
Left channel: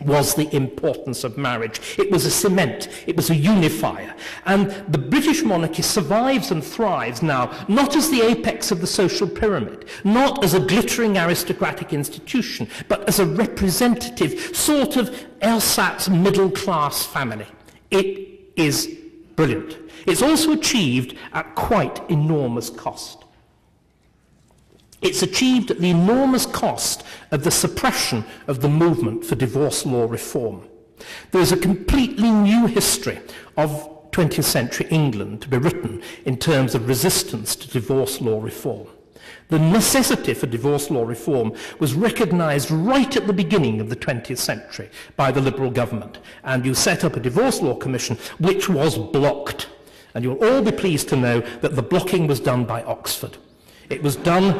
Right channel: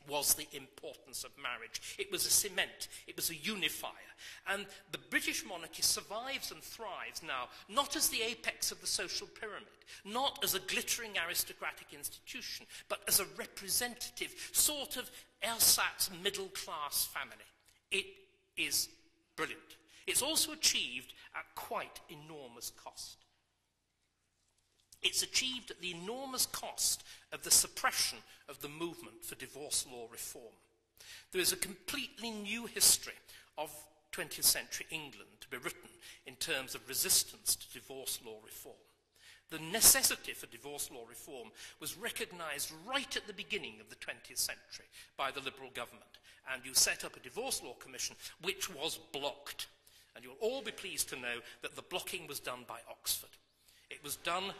was the importance of marriage. It was a cement, it was a unifier. And the British monarchy survives and thrives now, not as the apex of the social pyramid, not as a glittering aristocratic institution, but as a representative sort of ersatz middle-class family. It is brilliant. It's also achieved at quite enormous cost. It's achieved at the enormous cost of the suppression of the movement for divorce law reform. There is a completely new history of 20th century England to be written in terms of resistance to divorce law reform. The necessity for divorce law reform was recognised right at the beginning of the 20th century by the Liberal government, and you set up a divorce law commission which was blocked. And you'll all be pleased to know that the blocking was done by Oxford. It was done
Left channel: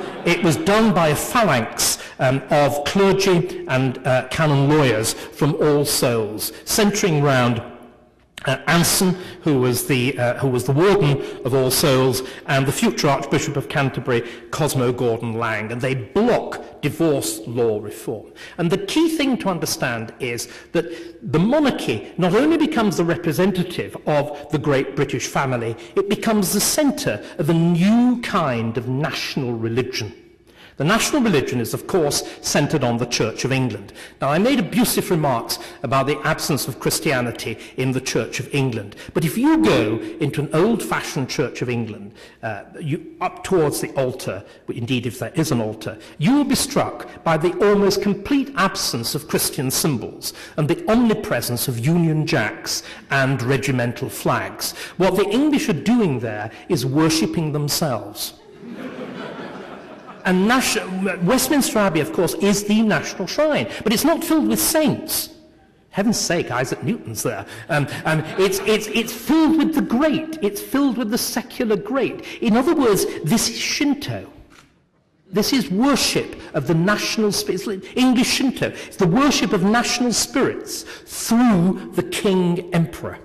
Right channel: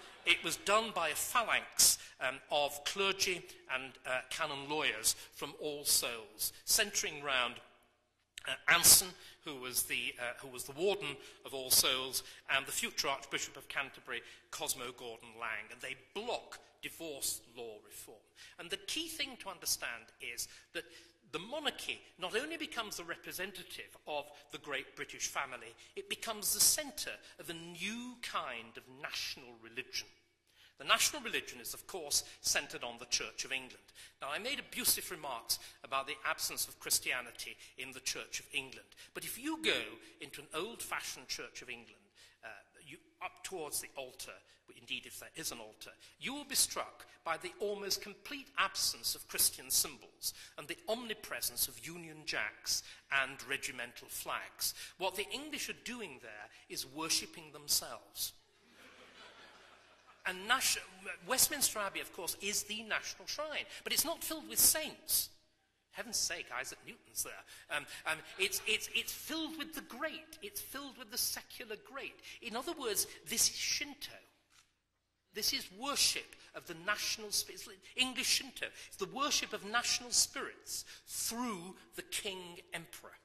by a phalanx of clergy and canon lawyers from All Souls, centring round Anson, who was the warden of All Souls, and the future Archbishop of Canterbury, Cosmo Gordon Lang, and they block divorce law reform. And the key thing to understand is that the monarchy not only becomes the representative of the great British family, it becomes the centre of a new kind of national religion. The national religion is, of course, centred on the Church of England. Now, I made abusive remarks about the absence of Christianity in the Church of England. But if you go into an old-fashioned Church of England, up towards the altar, indeed if there is an altar, you will be struck by the almost complete absence of Christian symbols and the omnipresence of Union Jacks and regimental flags. What the English are doing there is worshipping themselves. And Westminster Abbey, of course, is the national shrine, but it's not filled with saints. Heaven's sake, Isaac Newton's there. It's filled with the great. It's filled with the secular great. In other words, this is Shinto. This is worship of the national spirits. English Shinto. It's the worship of national spirits through the king emperor,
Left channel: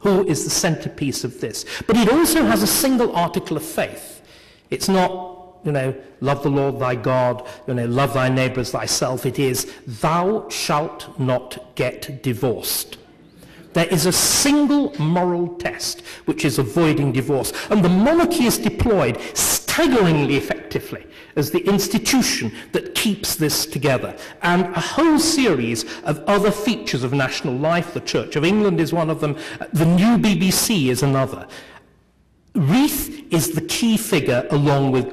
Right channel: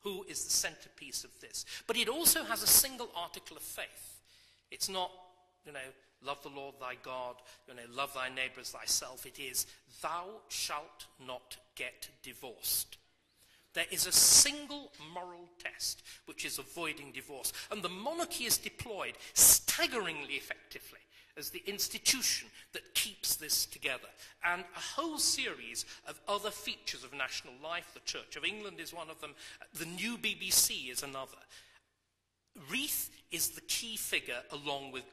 who is the centerpiece of this. But it also has a single article of faith. It's not, love the Lord thy God, love thy neighbour as thyself. It is, thou shalt not get divorced. There is a single moral test, which is avoiding divorce. And the monarchy is deployed staggeringly effectively as the institution that keeps this together. And a whole series of other features of national life, the Church of England is one of them, the new BBC is another. Reith is the key figure along with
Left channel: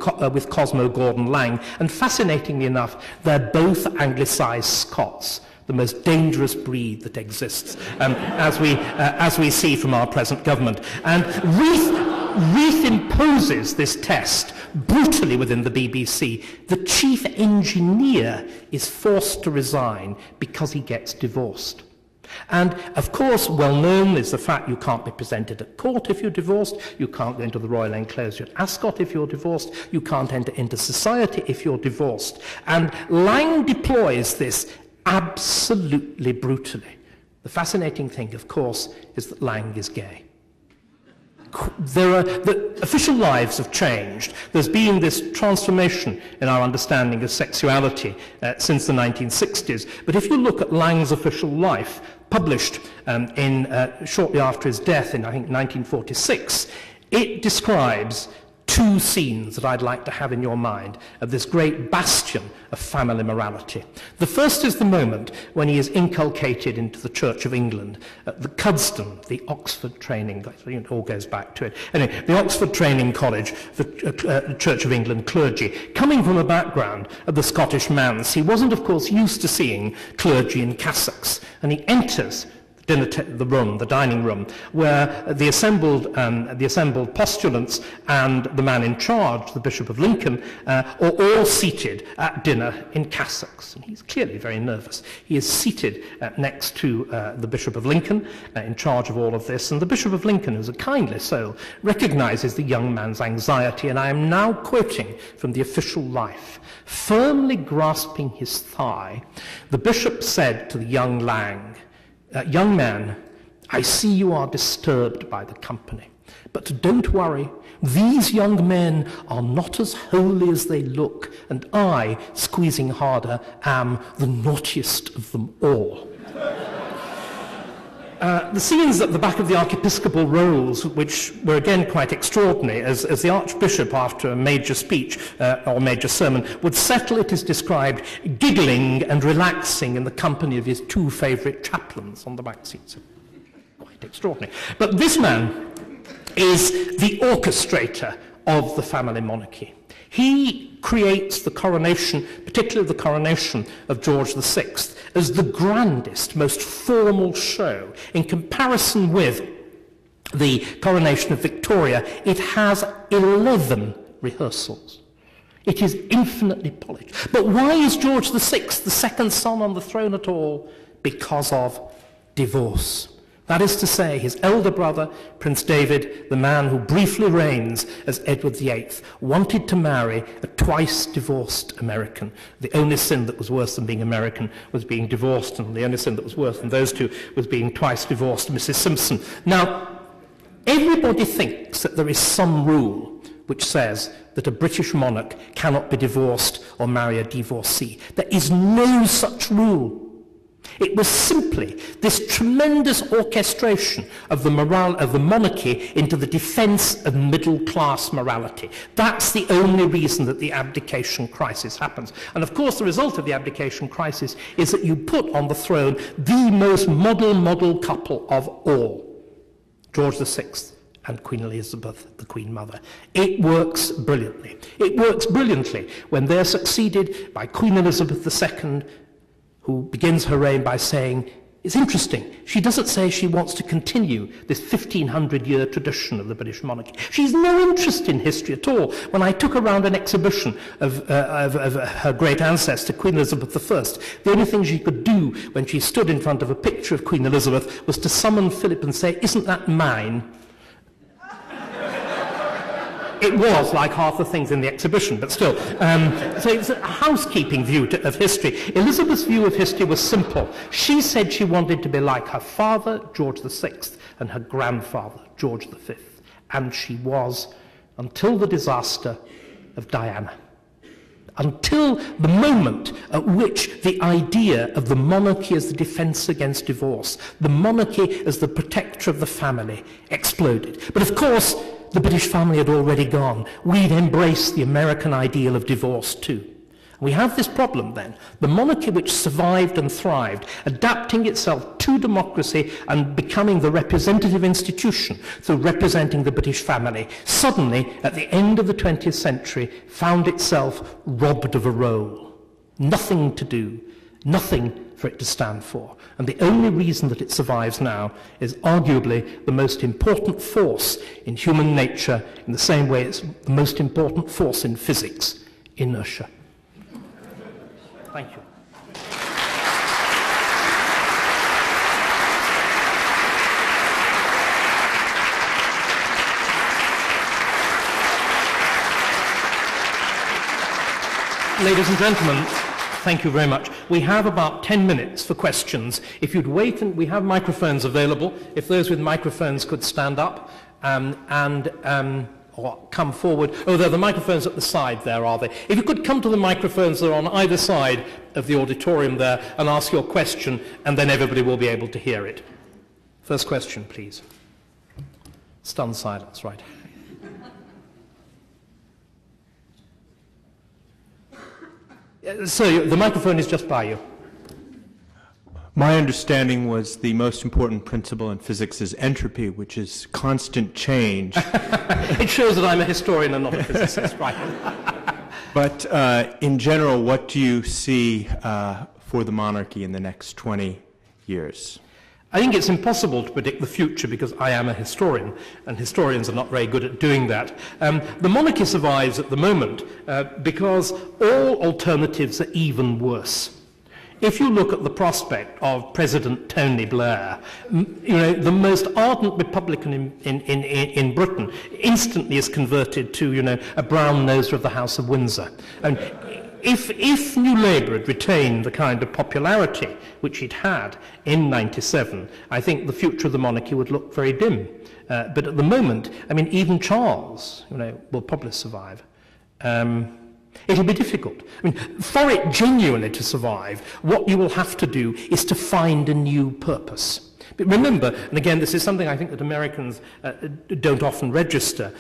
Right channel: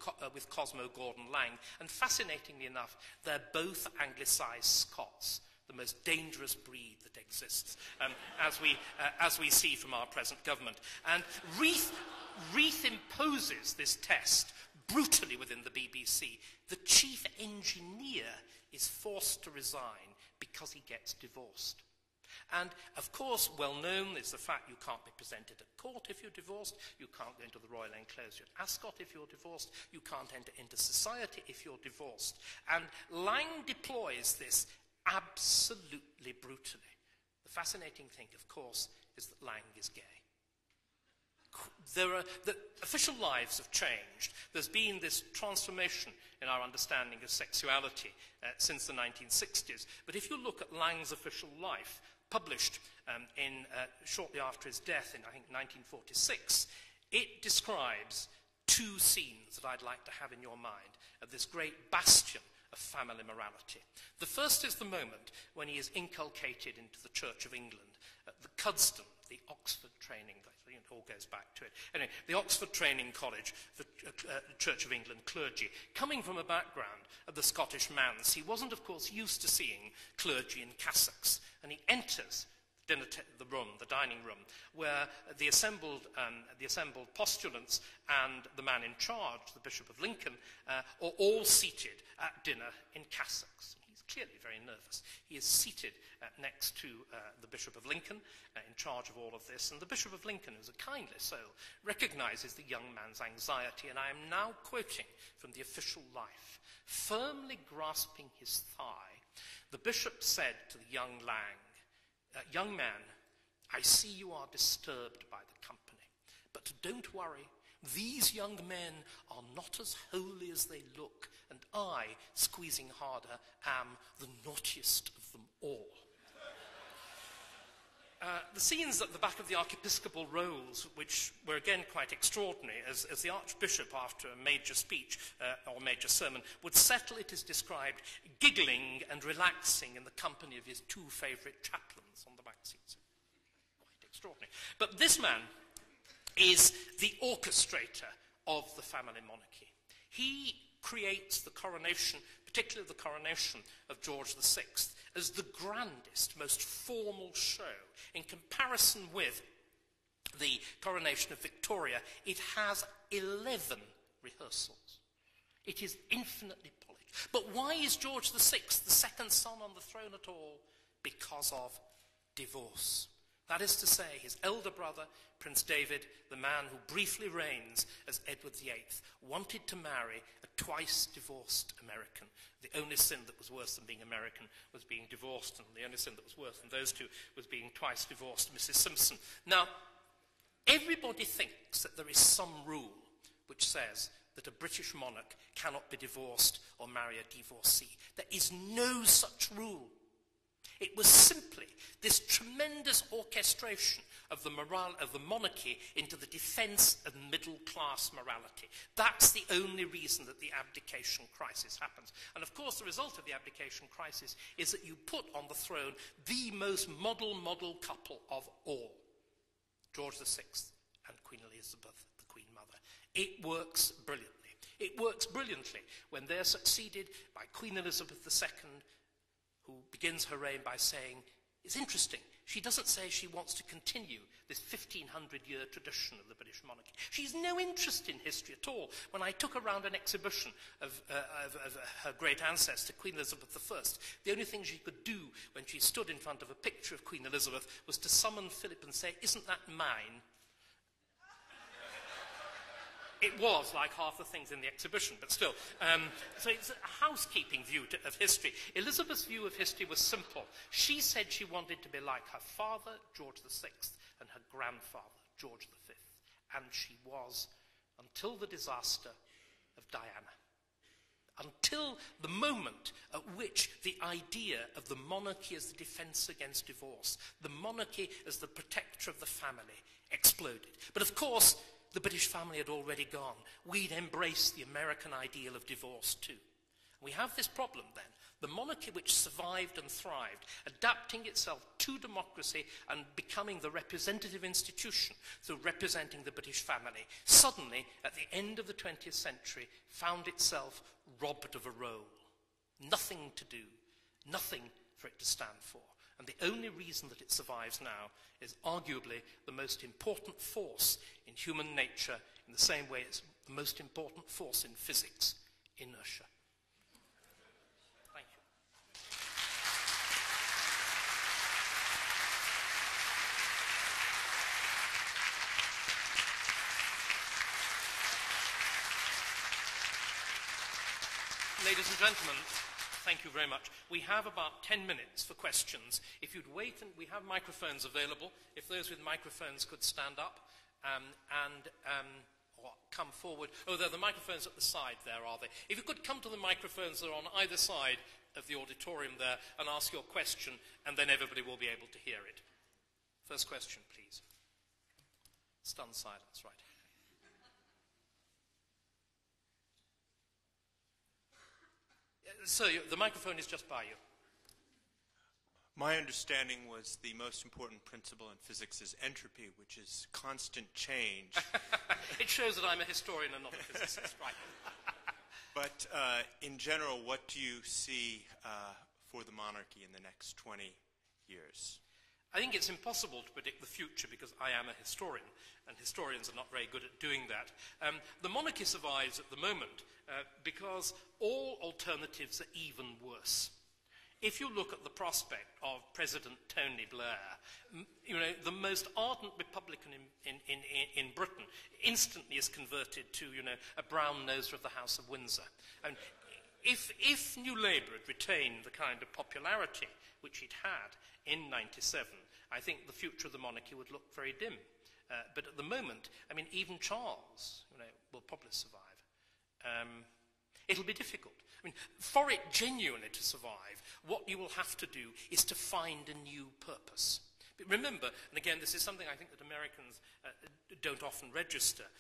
Cosmo Gordon Lang, and fascinatingly enough, they're both Anglicised Scots, the most dangerous breed that exists, as we see from our present government. And Reith imposes this test brutally within the BBC. The chief engineer is forced to resign because he gets divorced. And, of course, well known is the fact you can't be presented at court if you're divorced, you can't go into the royal enclosure at Ascot if you're divorced, you can't enter into society if you're divorced. And Lang deploys this absolutely brutally. The fascinating thing, of course, is that Lang is gay. The official lives have changed. There's been this transformation in our understanding of sexuality since the 1960s. But if you look at Lang's official life, published shortly after his death in, I think, 1946, it describes two scenes that I'd like to have in your mind of this great bastion of family morality. The first is the moment when he is inculcated into the Church of England at the Cuddesdon, the Oxford training, it all goes back to it. Anyway, the Oxford Training College for Church of England clergy, coming from a background of the Scottish manse. He wasn't, of course, used to seeing clergy in cassocks, and he enters the dining room, where the assembled postulants and the man in charge, the Bishop of Lincoln, are all seated at dinner in cassocks. And he's clearly very nervous. He is seated next to the Bishop of Lincoln, in charge of all of this, and the Bishop of Lincoln, who's a kindly soul, recognizes the young man's anxiety, and I am now quoting from the official life. Firmly grasping his thigh, the bishop said to the young young man, I see you are disturbed by the company, but don't worry. These young men are not as holy as they look, and I, squeezing harder, am the naughtiest of them all. The scenes at the back of the archiepiscopal rolls, which were again quite extraordinary, as the Archbishop, after a major speech or major sermon, would settle, it is described, giggling and relaxing in the company of his two favourite chaplains on the back seats. Quite extraordinary. But this man is the orchestrator of the family monarchy. He creates the coronation, particularly the coronation of George VI, as the grandest, most formal show. In comparison with the coronation of Victoria, it has 11 rehearsals. It is infinitely polished. But why is George VI the second son on the throne at all? Because of divorce. That is to say, his elder brother, Prince David, the man who briefly reigns as Edward VIII, wanted to marry a twice-divorced American. The only sin that was worse than being American was being divorced, and the only sin that was worse than those two was being twice-divorced Mrs. Simpson. Now, everybody thinks that there is some rule which says that a British monarch cannot be divorced or marry a divorcee. There is no such rule. It was simply this tremendous orchestration of the monarchy into the defense of middle-class morality. That's the only reason that the abdication crisis happens. And of course, the result of the abdication crisis is that you put on the throne the most model couple of all, George VI and Queen Elizabeth, the Queen Mother. It works brilliantly. It works brilliantly when they're succeeded by Queen Elizabeth II, who begins her reign by saying, it's interesting, she doesn't say she wants to continue this 1500-year tradition of the British monarchy. She's no interest in history at all. When I took around an exhibition of her great ancestor, Queen Elizabeth I, the only thing she could do when she stood in front of a picture of Queen Elizabeth was to summon Philip and say, isn't that mine? It was like half the things in the exhibition, but still. So it's a housekeeping view of history. Elizabeth's view of history was simple. She said she wanted to be like her father, George VI, and her grandfather, George V. And she was, until the disaster of Diana. Until the moment at which the idea of the monarchy as the defense against divorce, the monarchy as the protector of the family, exploded. But of course, the British family had already gone. We'd embraced the American ideal of divorce too. We have this problem then. The monarchy which survived and thrived, adapting itself to democracy and becoming the representative institution through representing the British family, suddenly, at the end of the 20th century, found itself robbed of a role. Nothing to do, nothing for it to stand for. And the only reason that it survives now is arguably the most important force in human nature, in the same way it's the most important force in physics, inertia. Thank you. Ladies and gentlemen, thank you very much. We have about 10 minutes for questions. If you'd wait, and we have microphones available. If those with microphones could stand up or come forward. Oh, there are the microphones at the side there, are they? If you could come to the microphones that are on either side of the auditorium there and ask your question, and then everybody will be able to hear it. First question, please. Stunned silence, right. So the microphone is just by you. My understanding was the most important principle in physics is entropy, which is constant change. It shows that I'm a historian and not a physicist, right? But in general, what do you see for the monarchy in the next 20 years? I think it's impossible to predict the future because I am a historian, and historians are not very good at doing that. The monarchy survives at the moment because all alternatives are even worse. If you look at the prospect of President Tony Blair, the most ardent Republican in Britain instantly is converted to, a brown noser of the House of Windsor. And if New Labour had retained the kind of popularity which it had in '97, I think the future of the monarchy would look very dim. But at the moment, even Charles, will probably survive. It'll be difficult. For it genuinely to survive, what you will have to do is to find a new purpose. But remember, and again, this is something I think that Americans don't often register,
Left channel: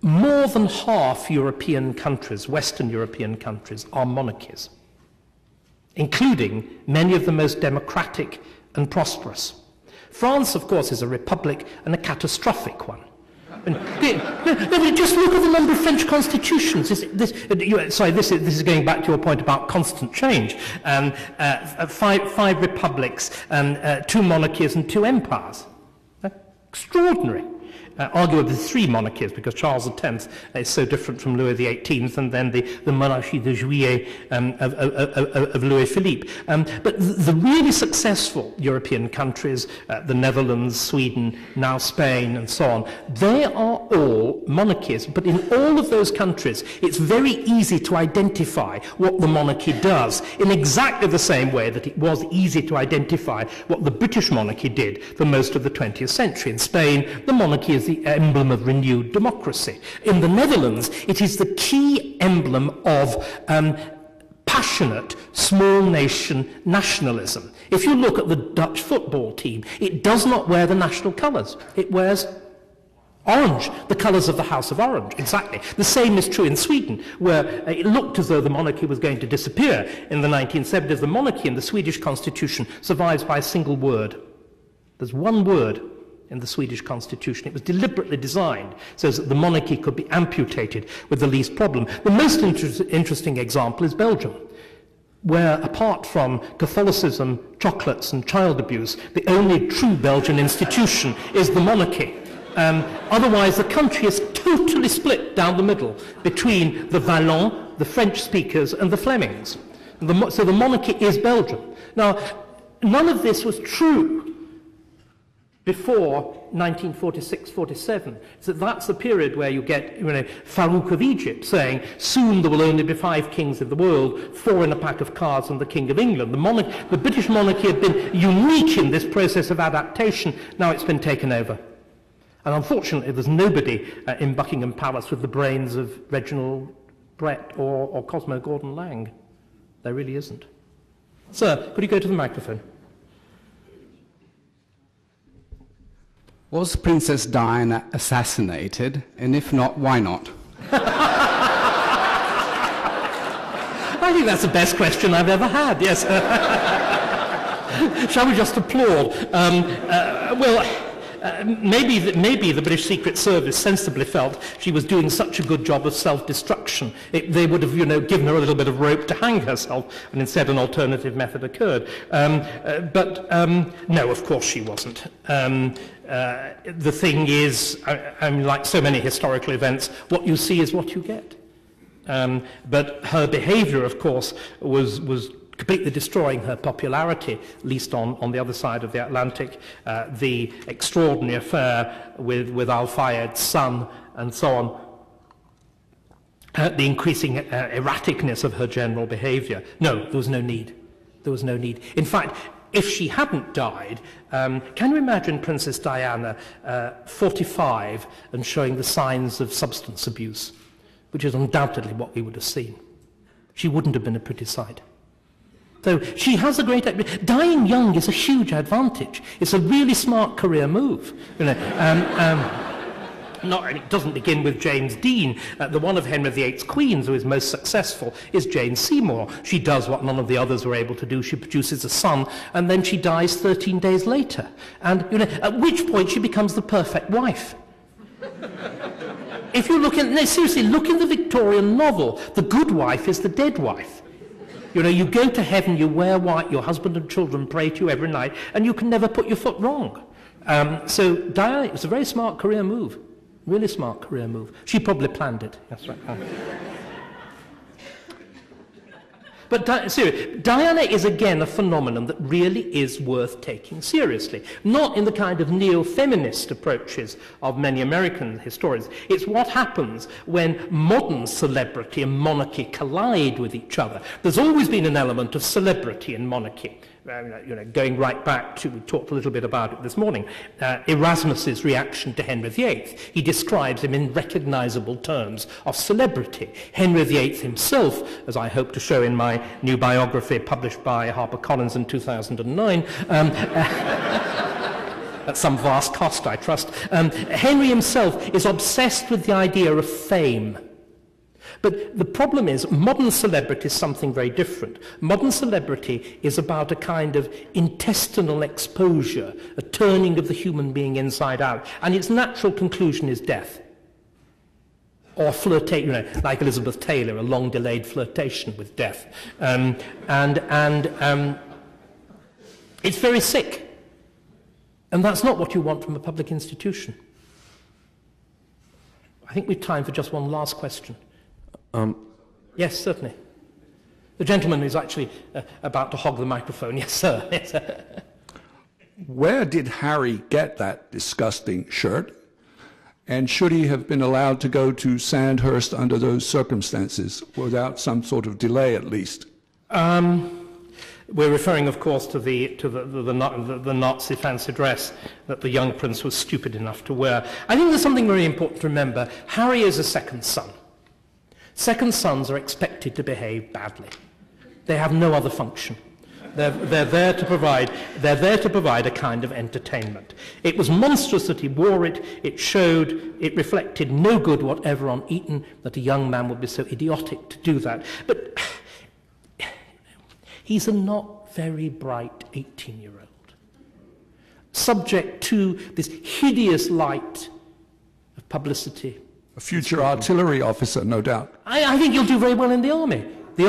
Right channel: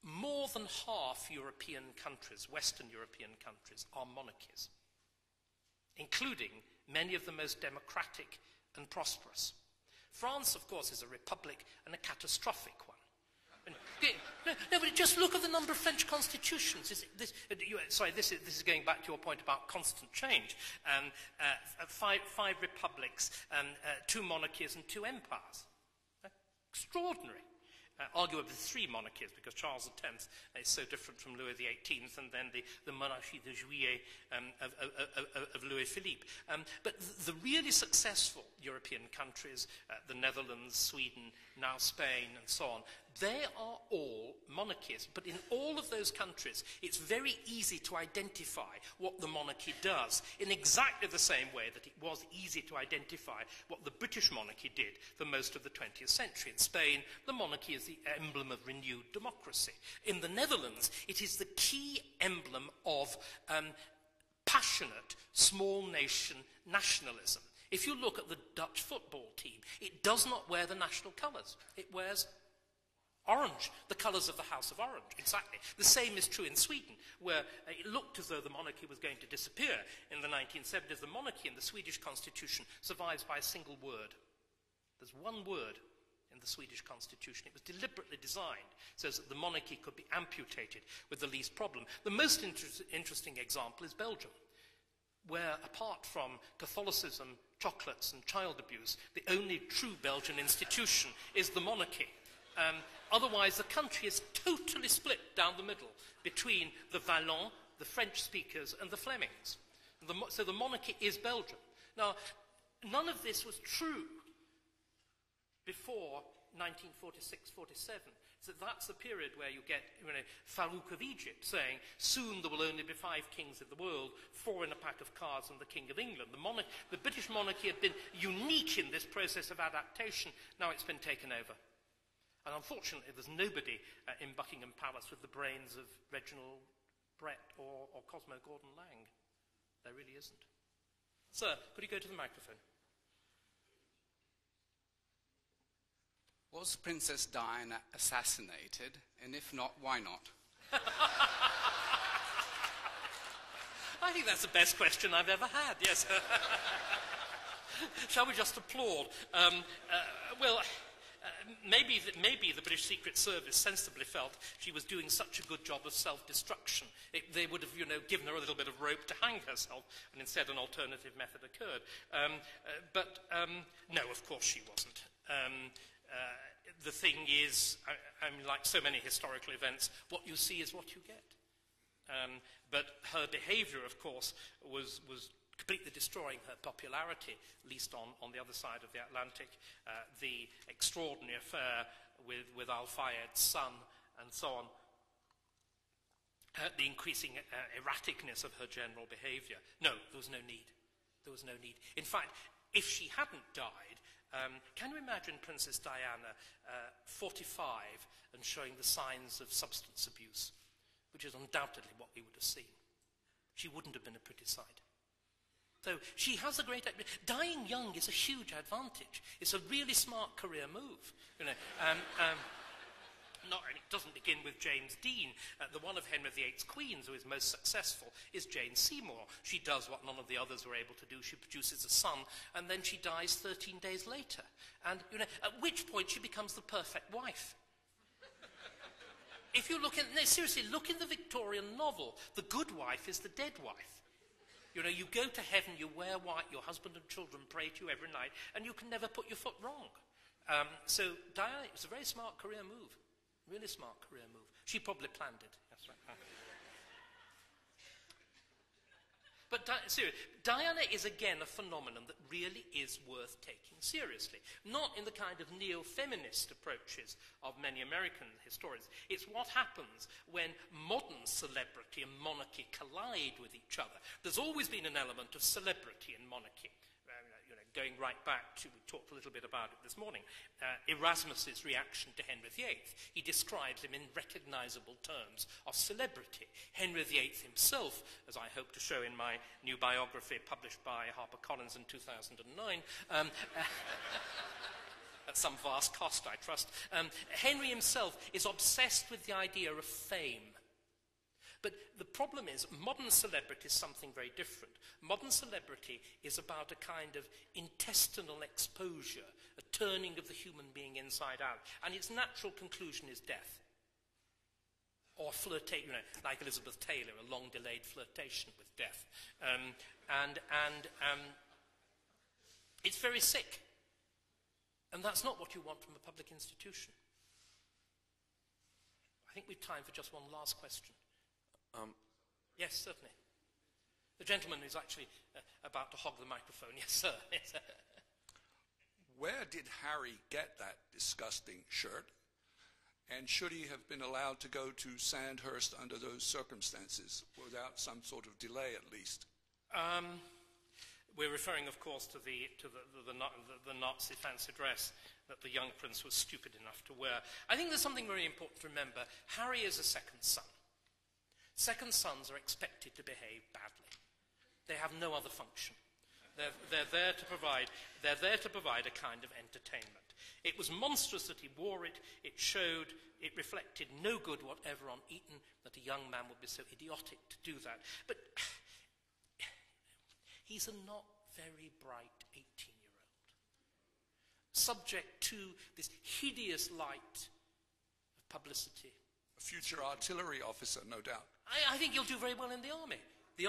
more than half European countries, Western European countries, are monarchies, including many of the most democratic and prosperous. France, of course, is a republic and a catastrophic one. Just look at the number of French constitutions. This is going back to your point about constant change. Five republics, 2 monarchies and 2 empires. Extraordinary. Arguably 3 monarchies, because Charles X is so different from Louis XVIII, and then the Monarchie de Juillet of Louis Philippe. But the really successful European countries, the Netherlands, Sweden, now Spain, and so on, they are all monarchies. But in all of those countries, it's very easy to identify what the monarchy does, in exactly the same way that it was easy to identify what the British monarchy did for most of the 20th century. In Spain, the monarchy is the emblem of renewed democracy. In the Netherlands, it is the key emblem of passionate small nation nationalism. If you look at the Dutch football team, it does not wear the national colours. It wears orange, the colours of the House of Orange, exactly. The same is true in Sweden, where it looked as though the monarchy was going to disappear in the 1970s. The monarchy in the Swedish constitution survives by a single word. There's one word in the Swedish constitution. It was deliberately designed so that the monarchy could be amputated with the least problem. The most interesting example is Belgium, where apart from Catholicism, chocolates and child abuse, the only true Belgian institution is the monarchy. Otherwise, the country is totally split down the middle between the Wallons, the French speakers, and the Flemings. So the monarchy is Belgium. Now, none of this was true before 1946-47. So that's the period where you get Farouk of Egypt saying, soon there will only be 5 kings in the world, 4 in a pack of cards and the King of England. The British monarchy had been unique in this process of adaptation. Now it's been taken over. And unfortunately, there's nobody in Buckingham Palace with the brains of Reginald Brett or Cosmo Gordon-Lang. There really isn't. Sir, could you go to the microphone? Was Princess Diana assassinated? And if not, why not? I think that's the best question I've ever had, yes. Shall we just applaud? Maybe the British Secret Service sensibly felt she was doing such a good job of self-destruction. They would have, given her a little bit of rope to hang herself, and instead an alternative method occurred. But no, of course she wasn't. The thing is, like so many historical events, what you see is what you get. But her behaviour, of course, was completely destroying her popularity, at least on the other side of the Atlantic. The extraordinary affair with Al-Fayed's son and so on, the increasing erraticness of her general behaviour. No, there was no need. There was no need. In fact, if she hadn't died, can you imagine Princess Diana 45 and showing the signs of substance abuse, which is undoubtedly what we would have seen? She wouldn't have been a pretty sight. So she has a great... Dying young is a huge advantage. It's a really smart career move. It doesn't begin with James Dean. The one of Henry VIII's queens who is most successful is Jane Seymour. She does what none of the others were able to do. She produces a son, and then she dies 13 days later. And at which point she becomes the perfect wife. If you look in... No, seriously, look in the Victorian novel. The good wife is the dead wife. You know, you go to heaven, you wear white, your husband and children pray to you every night, and you can never put your foot wrong. So Diana, it was a very smart career move. Really smart career move. She probably planned it. That's right. But Diana is again a phenomenon that really is worth taking seriously. Not in the kind of neo-feminist approaches of many American historians. It's what happens when modern celebrity and monarchy collide with each other. There's always been an element of celebrity in monarchy. You know, going right back to, we talked a little bit about it this morning, Erasmus's reaction to Henry VIII. He describes him in recognizable terms of celebrity. Henry VIII himself, as I hope to show in my new biography published by HarperCollins in 2009, at some vast cost, I trust, Henry himself is obsessed with the idea of fame. But the problem is, modern celebrity is something very different. Modern celebrity is about a kind of intestinal exposure, a turning of the human being inside out, and its natural conclusion is death. Or flirtation, you know, like Elizabeth Taylor, a long-delayed flirtation with death. It's very sick. And that's not what you want from a public institution. I think we've time for just one last question. Yes, certainly. The gentleman who's actually about to hog the microphone. Yes, sir. Yes, sir. Where did Harry get that disgusting shirt? And should he have been allowed to go to Sandhurst under those circumstances, without some sort of delay at least? We're referring, of course, to the Nazi fancy dress that the young prince was stupid enough to wear. I think there's something very important to remember. Harry is a second son. Second sons are expected to behave badly. They have no other function. They're there to provide a kind of entertainment. It was monstrous that he wore it. It reflected no good whatever on Eton that a young man would be so idiotic to do that. But he's a not very bright 18-year-old, subject to this hideous light of publicity. A future artillery officer, no doubt. I think you'll do very well in the army. The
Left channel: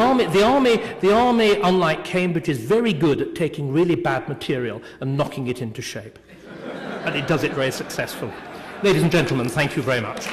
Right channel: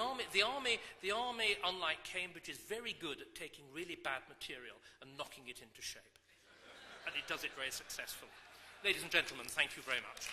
army, unlike Cambridge, is very good at taking really bad material and knocking it into shape. And it does it very successfully. Ladies and gentlemen, thank you very much.